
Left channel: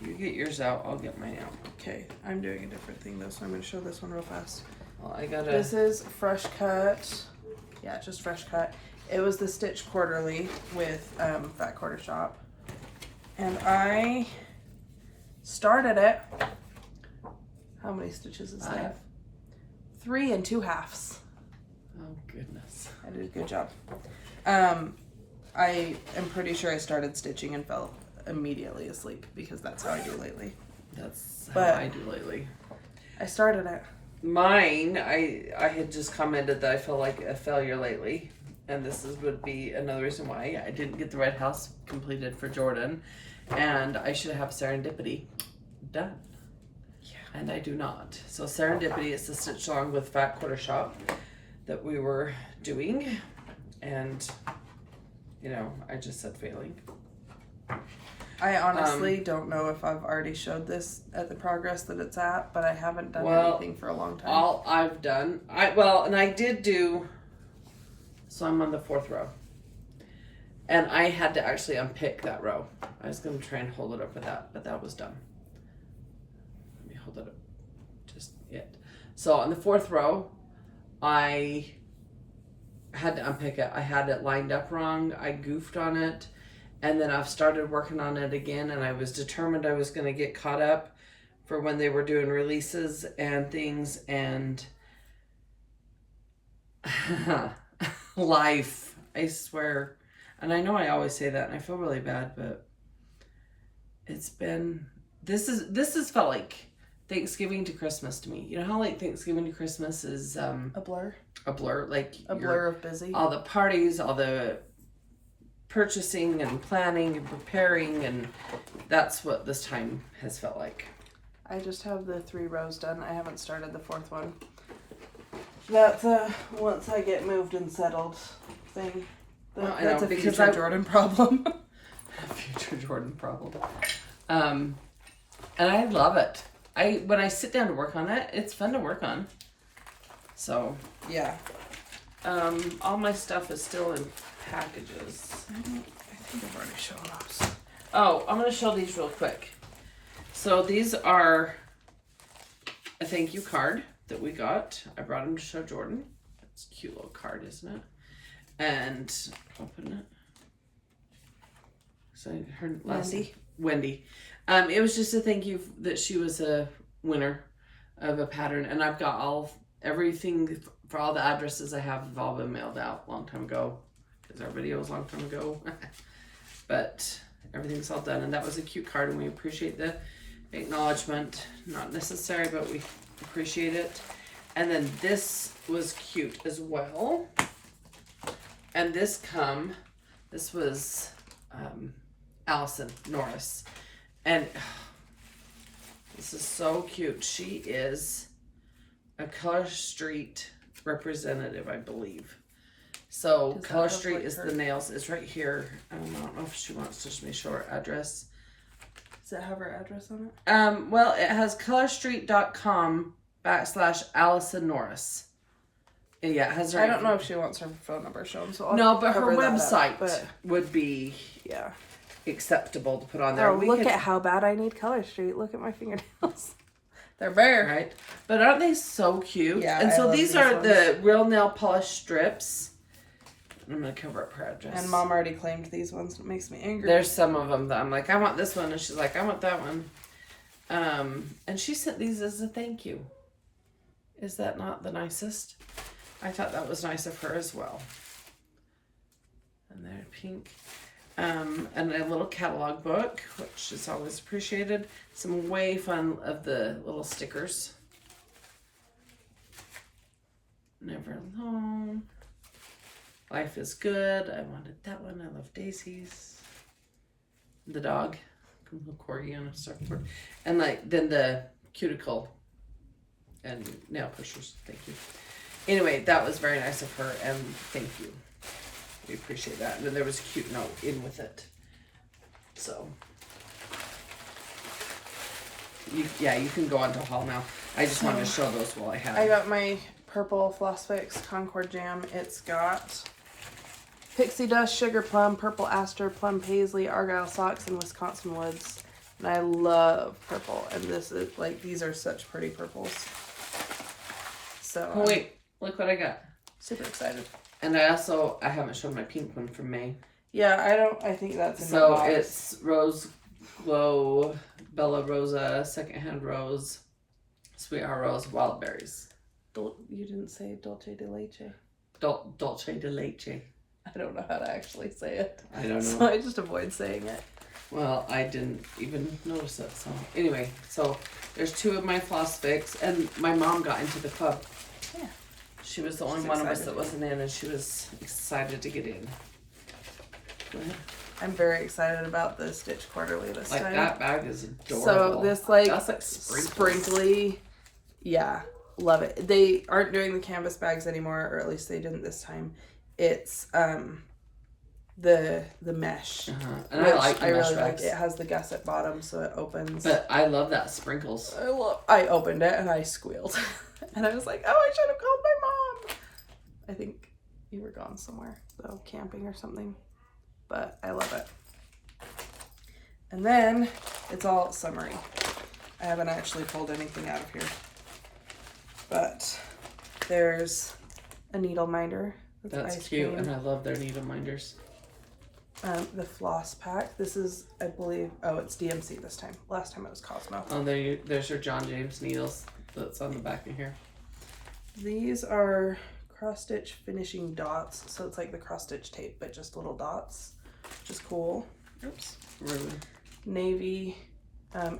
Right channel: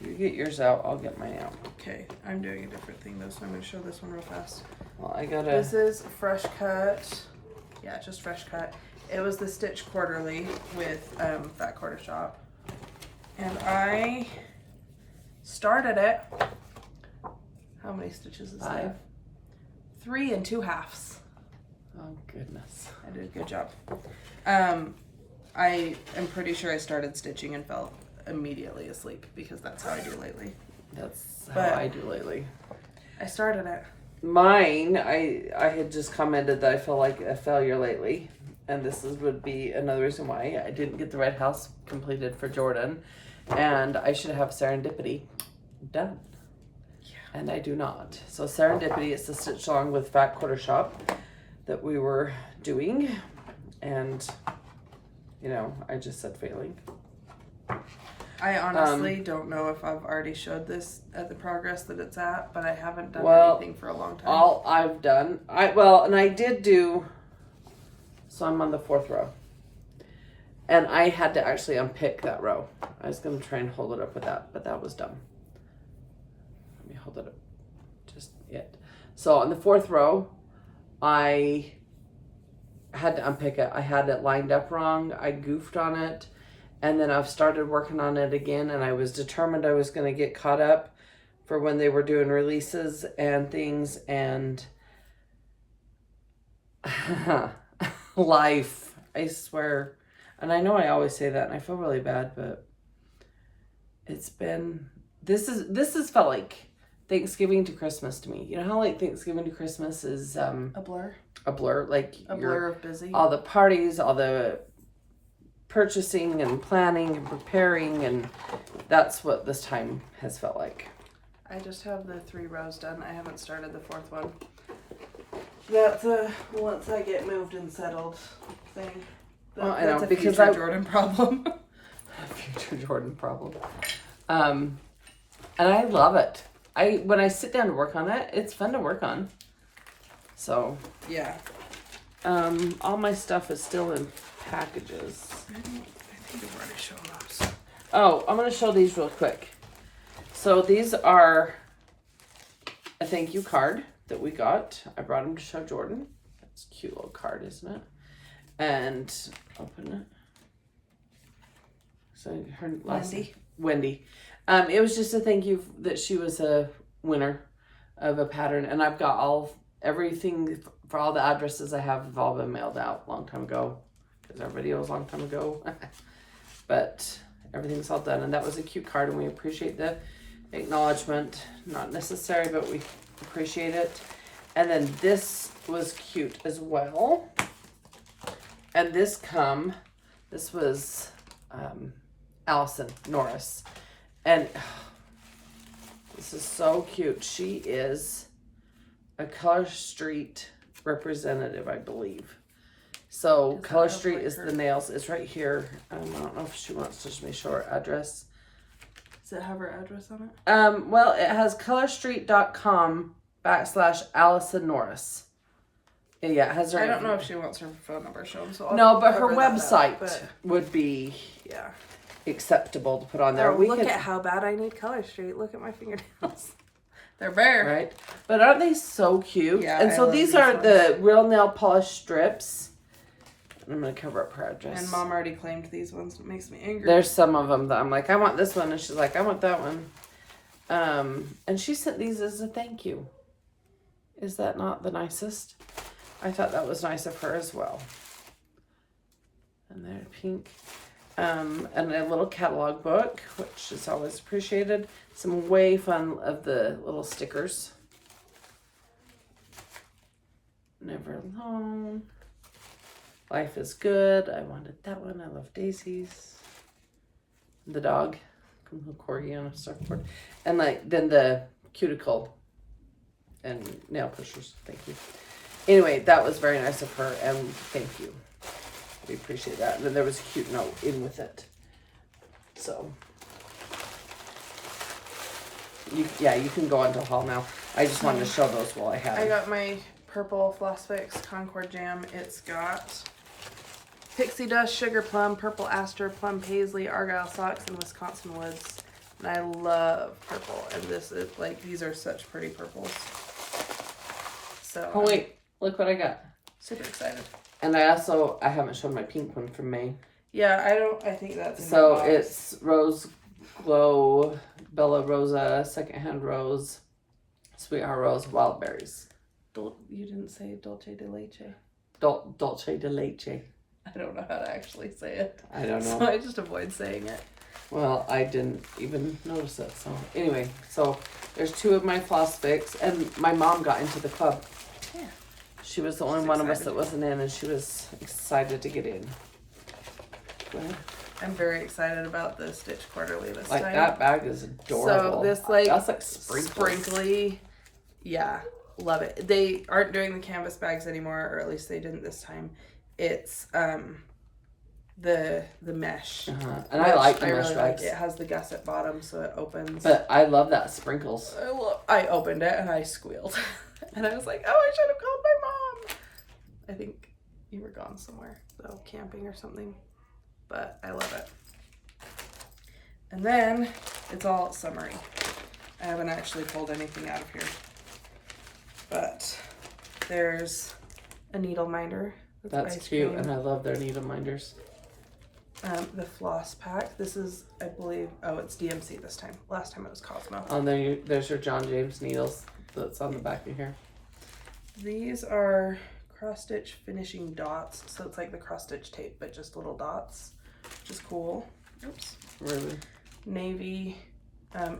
you get yours out, I'll get mine out. Okay, I'm doing a different thing though, so I'm going to show this one real fast. Well, I gotta. This is fresh cut. Yeah, just fresh cut. It was the Stitch Quarterly with Fat Quarter Shop. And I started it. How many stitches is 5. that? 3 and 2/2. Oh, goodness. I did a good job. I am pretty sure I started stitching and fell immediately asleep because that's how I do lately. That's how I do lately. I started it. Mine, I had just commented that I feel like a failure lately, and this would be another reason why I didn't get the Red House completed for Jorden, and I should have Serendipity done. Yeah. And I do not. So Serendipity is the stitch along with Fat Quarter Shop that we were doing, and you know, I just said failing. I honestly don't know if I've already showed this at the progress that it's at, but I haven't done anything for a long time. All I've done, I did do, so I'm on the 4th row. And I had to actually unpick that row. I was going to try and hold it up with that, but that was dumb. Let me hold it up. Just it. So on the 4th row, I had to unpick it. I had it lined up wrong. I goofed on it. And then I've started working on it again, and I was determined I was going to get caught up for when they were doing releases and things, and life, I swear. And I know I always say that, and I feel really bad, but it's been, this has felt like Thanksgiving to Christmas to me. You know how like Thanksgiving to Christmas is a blur? A blur, like a blur of busy. All the parties, all the purchasing and planning and preparing, and that's what this time has felt like. I just have the 3 rows done. I haven't started the 4th one. That's once I get moved and settled thing. That's a future Jorden problem. A future Jorden problem. And I love it. When I sit down to work on it, it's fun to work on. So yeah. All my stuff is still in packages. I think I've already shown us. Oh, I'm going to show these real quick. So these are a thank you card that we got. I brought them to show Jorden. That's a cute little card, isn't it? And open it. So her last Wendy. Wendy. It was just a thank you that she was a winner of a pattern, and I've got everything for all the addresses I have all been mailed out a long time ago, because our video was a long time ago. But everything's all done, and that was a cute card, and we appreciate the acknowledgement. Not necessary, but we appreciate it. And then this was cute as well. And this was Allison Norris. And this is so cute. She is a Color Street representative, I believe. So Color Street is the nails. It's right here. I don't know if she wants to just show her address. Does it have her address on it? Well, it has colorstreet.com/Allison Norris. And yeah, it has her. I don't know if she wants her phone number shown. So no, but her website would be acceptable to put on there. Oh, look at how bad I need Color Street. Look at my fingernails. They're bare. Right? But aren't they so cute? Yeah, and so these are ones. the real nail polish strips. I'm going to cover up her address. And Mom already claimed these ones. It makes me angry. There's some of them that I'm like, I want this one. And she's like, I want that one. And she sent these as a thank you. Is that not the nicest? I thought that was nice of her as well. And they're pink. And a little catalog book, which is always appreciated. Some way fun of the little stickers. Never alone. Life is good. I wanted that one. I love Daisy's. The dog. Little corgi on a surfboard. And then the cuticle and nail pushers. Thank you. Anyway, that was very nice of her, and thank you. We appreciate that. And then there was a cute note in with it. So, you can go on to haul now. I just wanted to show those while I had I them. got my purple Floss Fix Concord Jam. It's got Pixie Dust, Sugar Plum, Purple Aster, Plum Paisley, Argyle Socks, and Wisconsin Woods. And I love purple. And this is these are such pretty purples. So oh wait, look what I got. Super excited. And I haven't shown my pink one from May. Yeah, I think that's in So my box. it's Rose Glow, Bella Rosa, Secondhand Rose, Sweetheart Rose, Wild Berries. You didn't say Dolce de Leche. Dolce de Leche. I don't know how to actually say it. I don't know. So I just avoid saying it. Well, I didn't even notice it. So anyway, so there's 2 of my Floss Fix, and my mom got into the club. Yeah. She was the only one of us that wasn't in, and she was excited to get in. Go ahead. I'm very excited about the Stitch Quarterly this time. That bag is adorable. So this that's sprinkly. Yeah, love it. They aren't doing the canvas bags anymore, or at least they didn't this time. It's the mesh. And I like the mesh really bags. like it. It has the gusset bottom, so it opens. But I love that sprinkles. I opened it and I squealed. And I was like, oh, I should have called my mom. I think you were gone somewhere, so camping or something. But I love it. And then it's all summery. I haven't actually pulled anything out of here. But there's a needle minder. That's ice cute, cream. and I love their needle minders. The Floss Pack. This is, I believe, it's DMC this time. Last time it was Cosmo. Oh, there's your John James needles that's on the back of here. These are cross stitch finishing dots. So it's like the cross stitch tape, but just little dots, which is cool. Oops. Really? Navy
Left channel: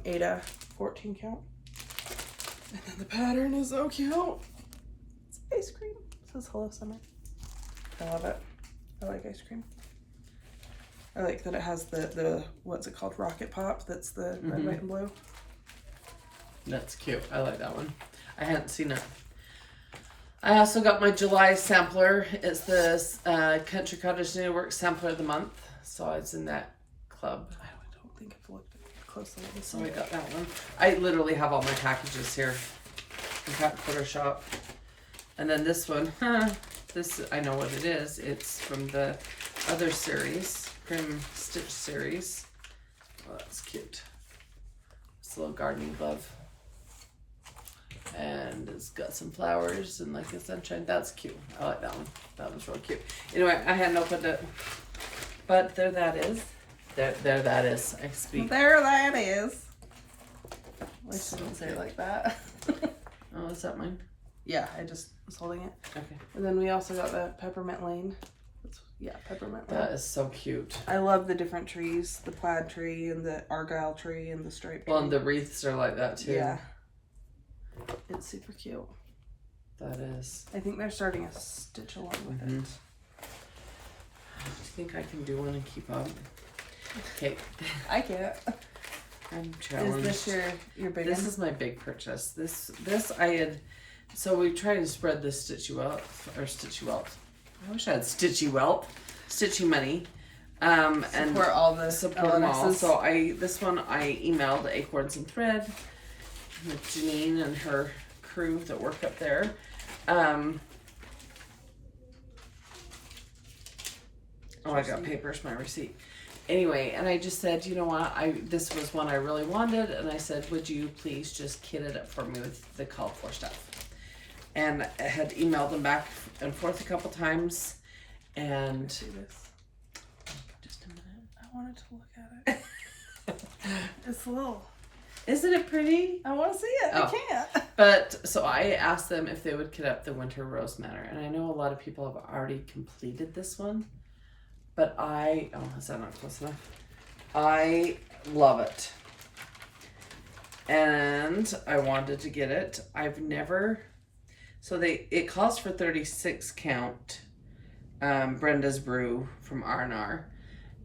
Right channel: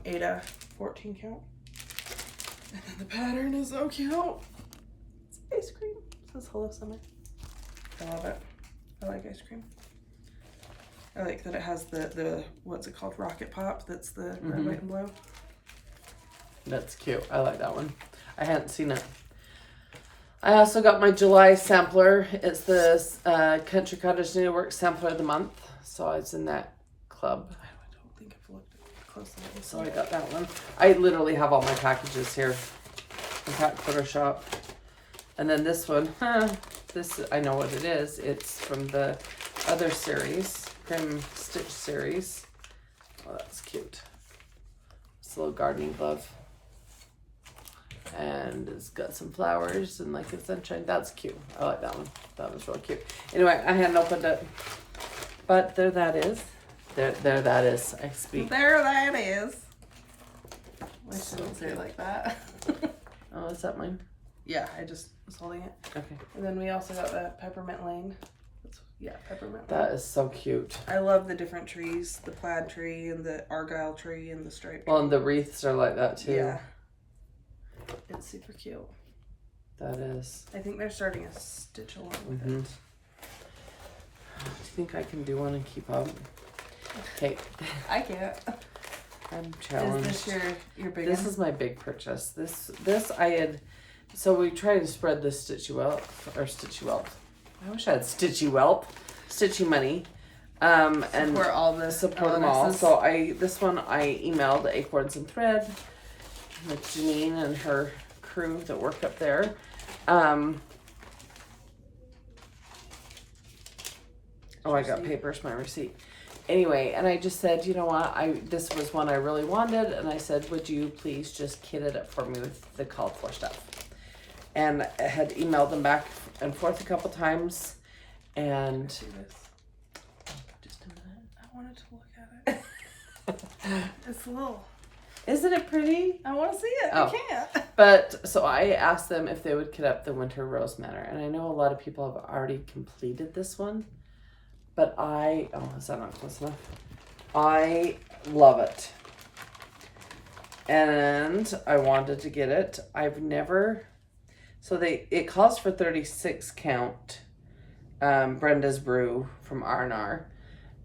Ada 14 count. And then the pattern is so cute. It's ice cream. It says Hello Summer. I love it. I like ice cream. I like that it has the what's it called? Rocket Pop. That's the red, white, and blue. That's cute. I like that one. I hadn't seen it. I also got my July sampler. It's the Country Cottage Needlework Sampler of the Month. So I was in that club. I don't think I've looked closely at this. So I got that one. I literally have all my packages here. In fact, Photoshop. And then this one. This, I know what it is. It's from the other series. Grim Stitch series. Oh, that's cute. It's a little gardening glove. And it's got some flowers and like a sunshine. That's cute. I like that one. That one's real cute. Anyway, I hadn't opened it. But there that is. There that is. I speak. There that is. I shouldn't say it like that. Oh, is that mine? Yeah, I just was holding it. Okay. And then we also got the Peppermint Lane. Yeah, Peppermint Lane. That is so cute. I love the different trees. The plaid tree and the argyle tree and the stripe tree. Well, and the wreaths are like that too. Yeah. It's super cute. That is. I think they're starting a stitch along with it. I think I can do one and keep up. Okay. I can't. I'm challenged. Is this your big This one? is my big purchase. This I had. So we tried to spread this Stitchy Whelp. I wish I had Stitchy Money. And support all the support them all. LNSs. So this one I emailed Acorns and Thread with Janine and her crew that work up there. I got papers, my receipt. Anyway, and I just said, you know what, this was one I really wanted, and I said, would you please just kit it up for me with the cauliflower stuff? And I had emailed them back and forth a couple times, and See this? just a minute. I wanted to look at it. It's little. Isn't it pretty? I want to see it. Oh. I can't. But so I asked them if they would kit up the Winter Rose Manor, and I know a lot of people have already completed this one, but is that not close enough? I love it, and I wanted to get it. I've never, it calls for 36 count. Brenda's Brew from R&R,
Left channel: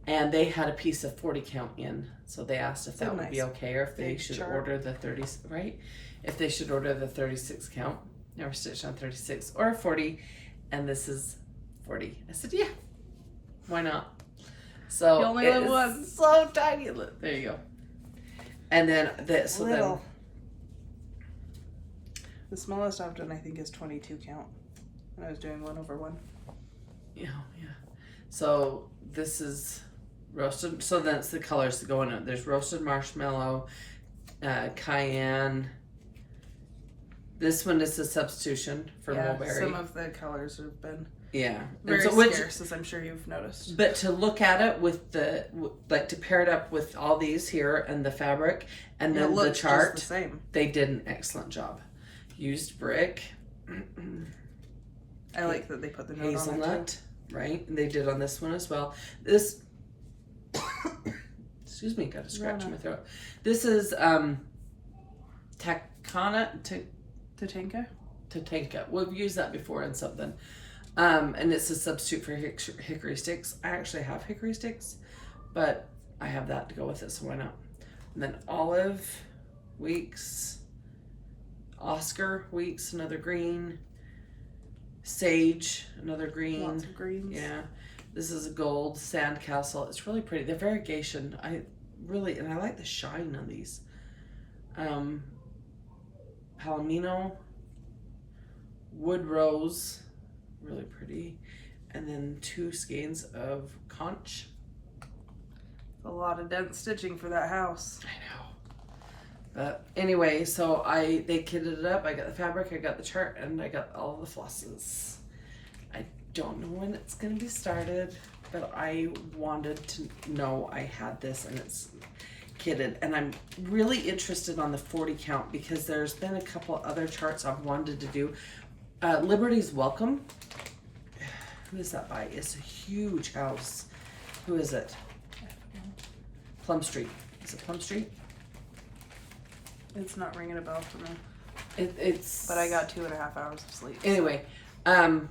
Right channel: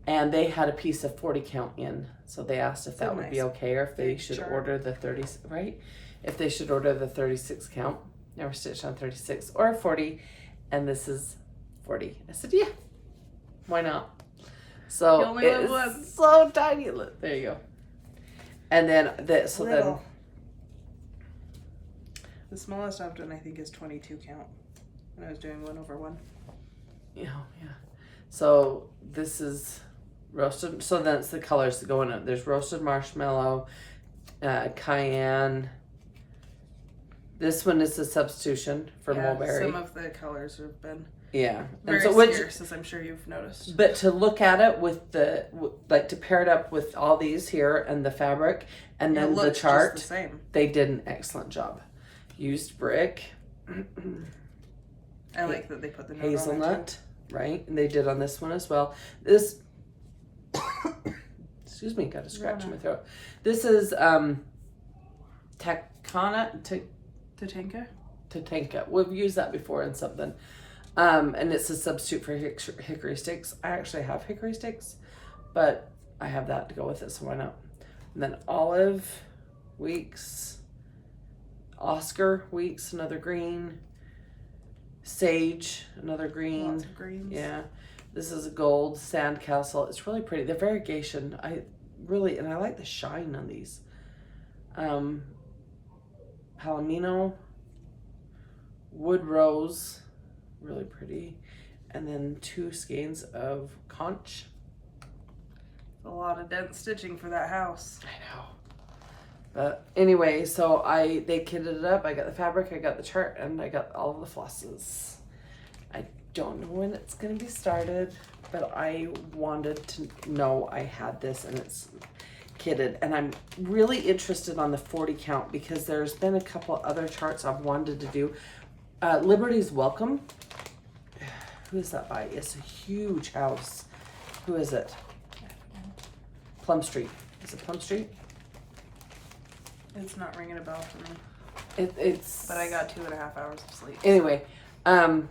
and they had a piece of 40 count in, so they asked if that would be okay, or if they should order the 30, right? If they should order the 36 count, never stitched on 36 or 40, and this is 40. I said, yeah, why not? So You only live once. it's so tiny. Look, there you go. And then the smallest I've done I think is 22 count, and I was doing 1/1. Yeah. So this is roasted. So then it's the colors that go in it. There's roasted marshmallow, cayenne. This one is a substitution for mulberry. Some of the colors have been very scarce, as I'm sure you've noticed. But to look at it with to pair it up with all these here and the fabric and then the chart, the same. They did an excellent job. Used brick. I like that they put the note hazelnut, on it right? And they did on this one as well. This, excuse me, got a scratch in my throat. This is Tatanka. We've used that before in something. And it's a substitute for hickory sticks. I actually have hickory sticks, but I have that to go with it, so why not? And then olive, Weeks, Oscar, Weeks, another green, sage, another green. Lots of greens. Yeah. This is a gold sandcastle. It's really pretty. The variegation, I like the shine on these. Palomino, wood rose, really pretty, and then 2 skeins of conch. A lot of dense stitching for that house. I know. But anyway, so they kitted it up. I got the fabric, I got the chart, and I got all the flosses. I don't know when it's gonna be started, but I wanted to know I had this and it's kitted. And I'm really interested on the 40 count because there's been a couple other charts I've wanted to do. Liberty's Welcome. Who is that by? It's a huge house. Who is it? I don't know. Plum Street. Is it Plum Street? It's not ringing a bell for me. It's. But I got 2.5 hours of sleep. Anyway, I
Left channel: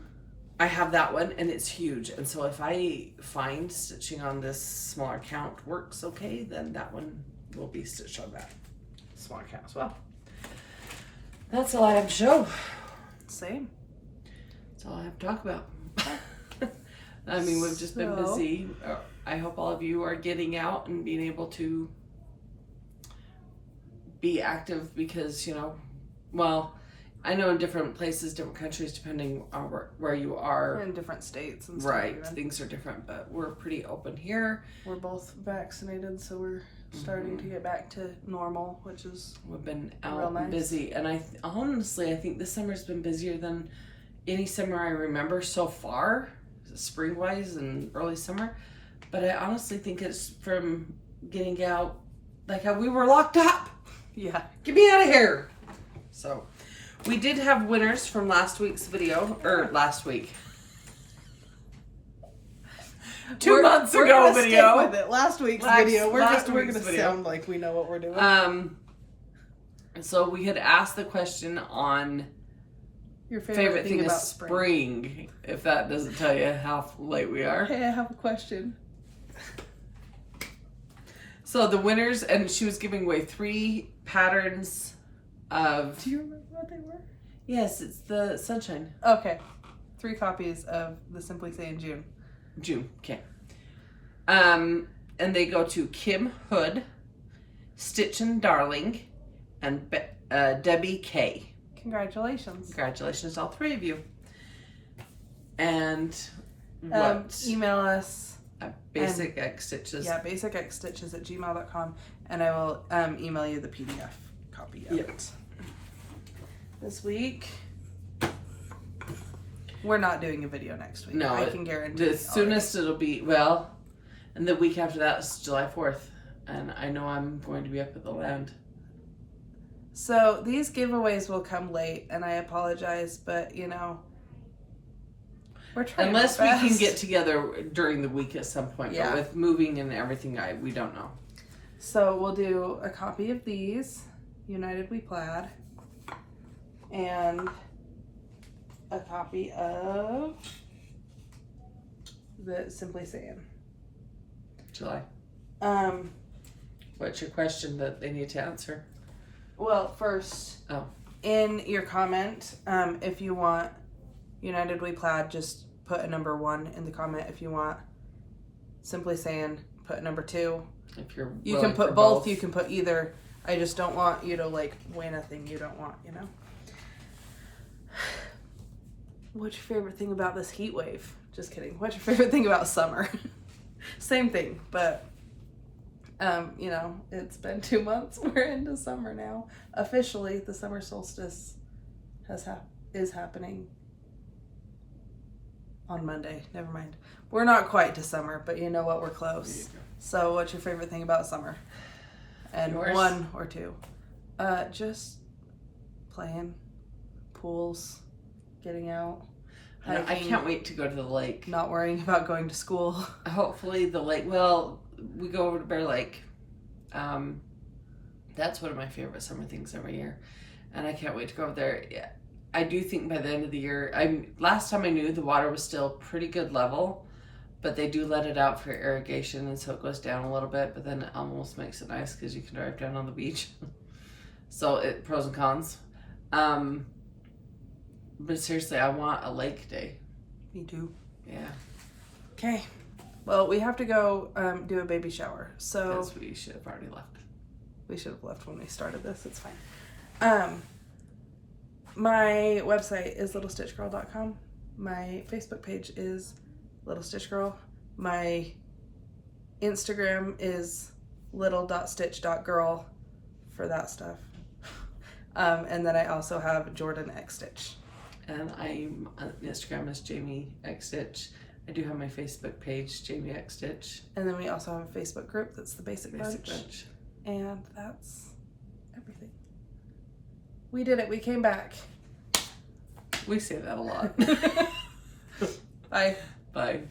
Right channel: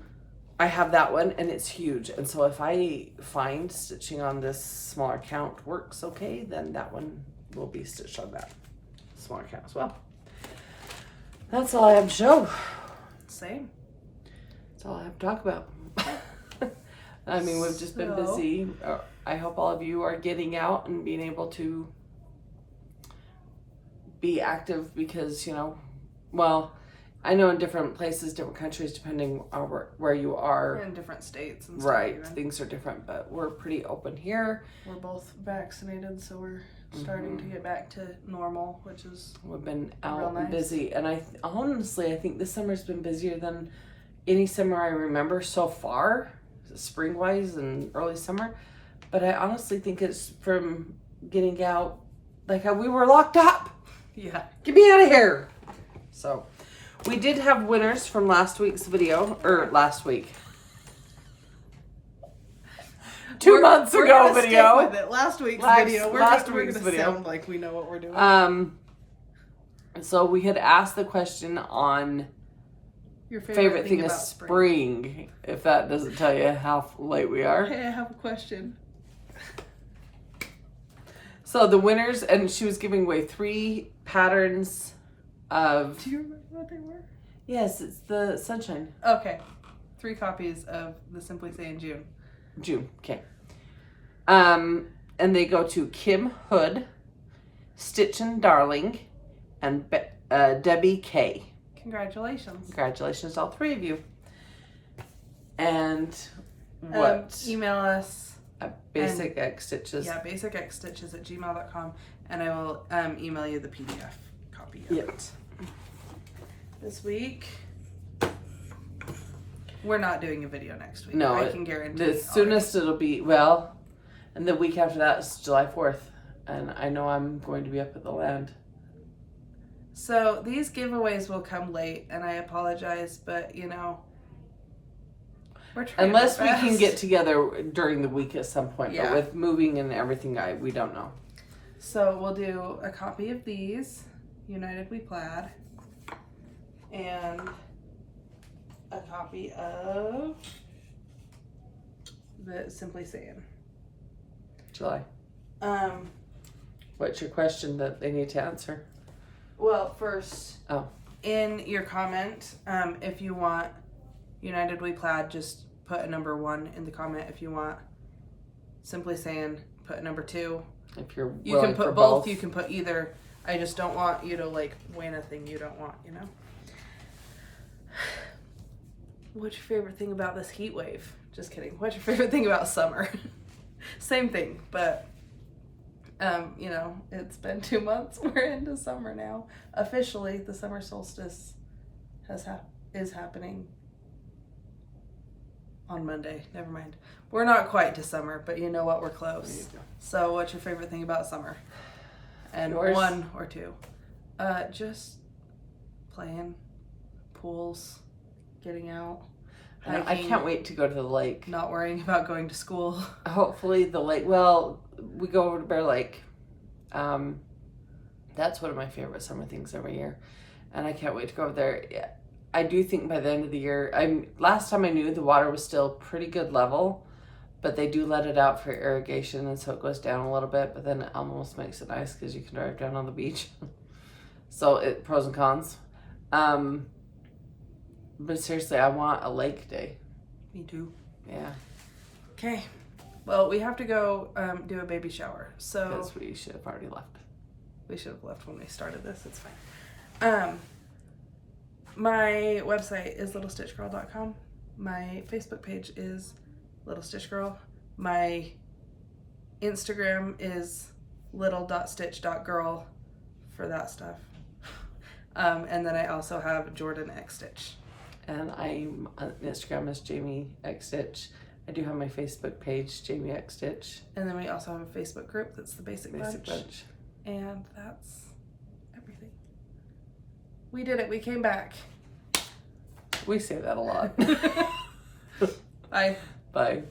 have that one and it's huge. And so if I find stitching on this smaller count works okay, then that one will be stitched on that smaller count as well. That's all I have to show. Same. That's all I have to talk about. I mean, we've just been busy. I hope all of you are getting out and being able to be active because, well, I know in different places, different countries, depending on where you are. In different states and stuff. Right. Even. Things are different, but we're pretty open here. We're both vaccinated, so we're starting to get back to normal, which is We've been out real nice. and busy. And I think this summer's been busier than any summer I remember so far, spring-wise and early summer. But I honestly think it's from getting out, like how we were locked up. Yeah. Get me out of here. So, we did have winners from last week's video, or last week. 2 months we're ago gonna video. Stick with it. Last week's video. We're gonna sound like we know what we're doing. So we had asked the question on your favorite thing about spring. If that doesn't tell you how late we are. Hey, I have a question. So the winners, and she was giving away 3 patterns of. Do you remember what they were? Yes, it's the sunshine. Okay, 3 copies of the Simply Saying June. Okay. And they go to Kim Hood, Stitchin Darling, and Debbie K. Congratulations. Congratulations, all 3 of you. And what? Email us. Basic X Stitches. Yeah, basicxstitches@gmail.com, and I will email you the PDF copy of it. This week, we're not doing a video next week. No, I can guarantee. The soonest it'll be, well, and the week after that is July 4th, and I know I'm going to be up at the land. So these giveaways will come late, and I apologize, but you know, we're trying. Unless we can get together during the week at some point, yeah. But with moving and everything, we don't know. So we'll do a copy of these, United We Plaid, and a copy of the Simply Saying. July. What's your question that they need to answer? Well, first, in your comment, if you want United We Plaid, just put a number 1 in the comment. If you want Simply Saying, put a number 2. If you're you can put both, you can put either. I just don't want you to like win a thing you don't want, you know? What's your favorite thing about this heat wave? Just kidding. What's your favorite thing about summer? Same thing, but you know, it's been 2 months. We're into summer now. Officially, the summer solstice is happening on Monday. Never mind. We're not quite to summer, but you know what? We're close. So, what's your favorite thing about summer? And yours? 1 or 2. Just playing, pools, getting out. Hiking, I can't wait to go to the lake. Not worrying about going to school. Hopefully the lake. Well, we go over to Bear Lake. That's one of my favorite summer things every year, and I can't wait to go over there. Yeah, I do think by the end of the year. Last time I knew the water was still pretty good level, but they do let it out for irrigation, and so it goes down a little bit. But then it almost makes it nice because you can drive down on the beach. So pros and cons. But seriously, I want a lake day. Me too. Yeah. Okay. Well, we have to go do a baby shower. So because we should have already left. We should have left when we started this. It's fine. My website is littlestitchgirl.com. My Facebook page is Little Stitch Girl. My Instagram is little.stitch.girl for that stuff. And then I also have Jorden X Stitch. And I'm on Instagram as Jami X Stitch. I do have my Facebook page, Jami X Stitch. And then we also have a Facebook group that's the Basic Bunch. And that's everything. We did it. We came back. We say that a lot. Bye. Bye.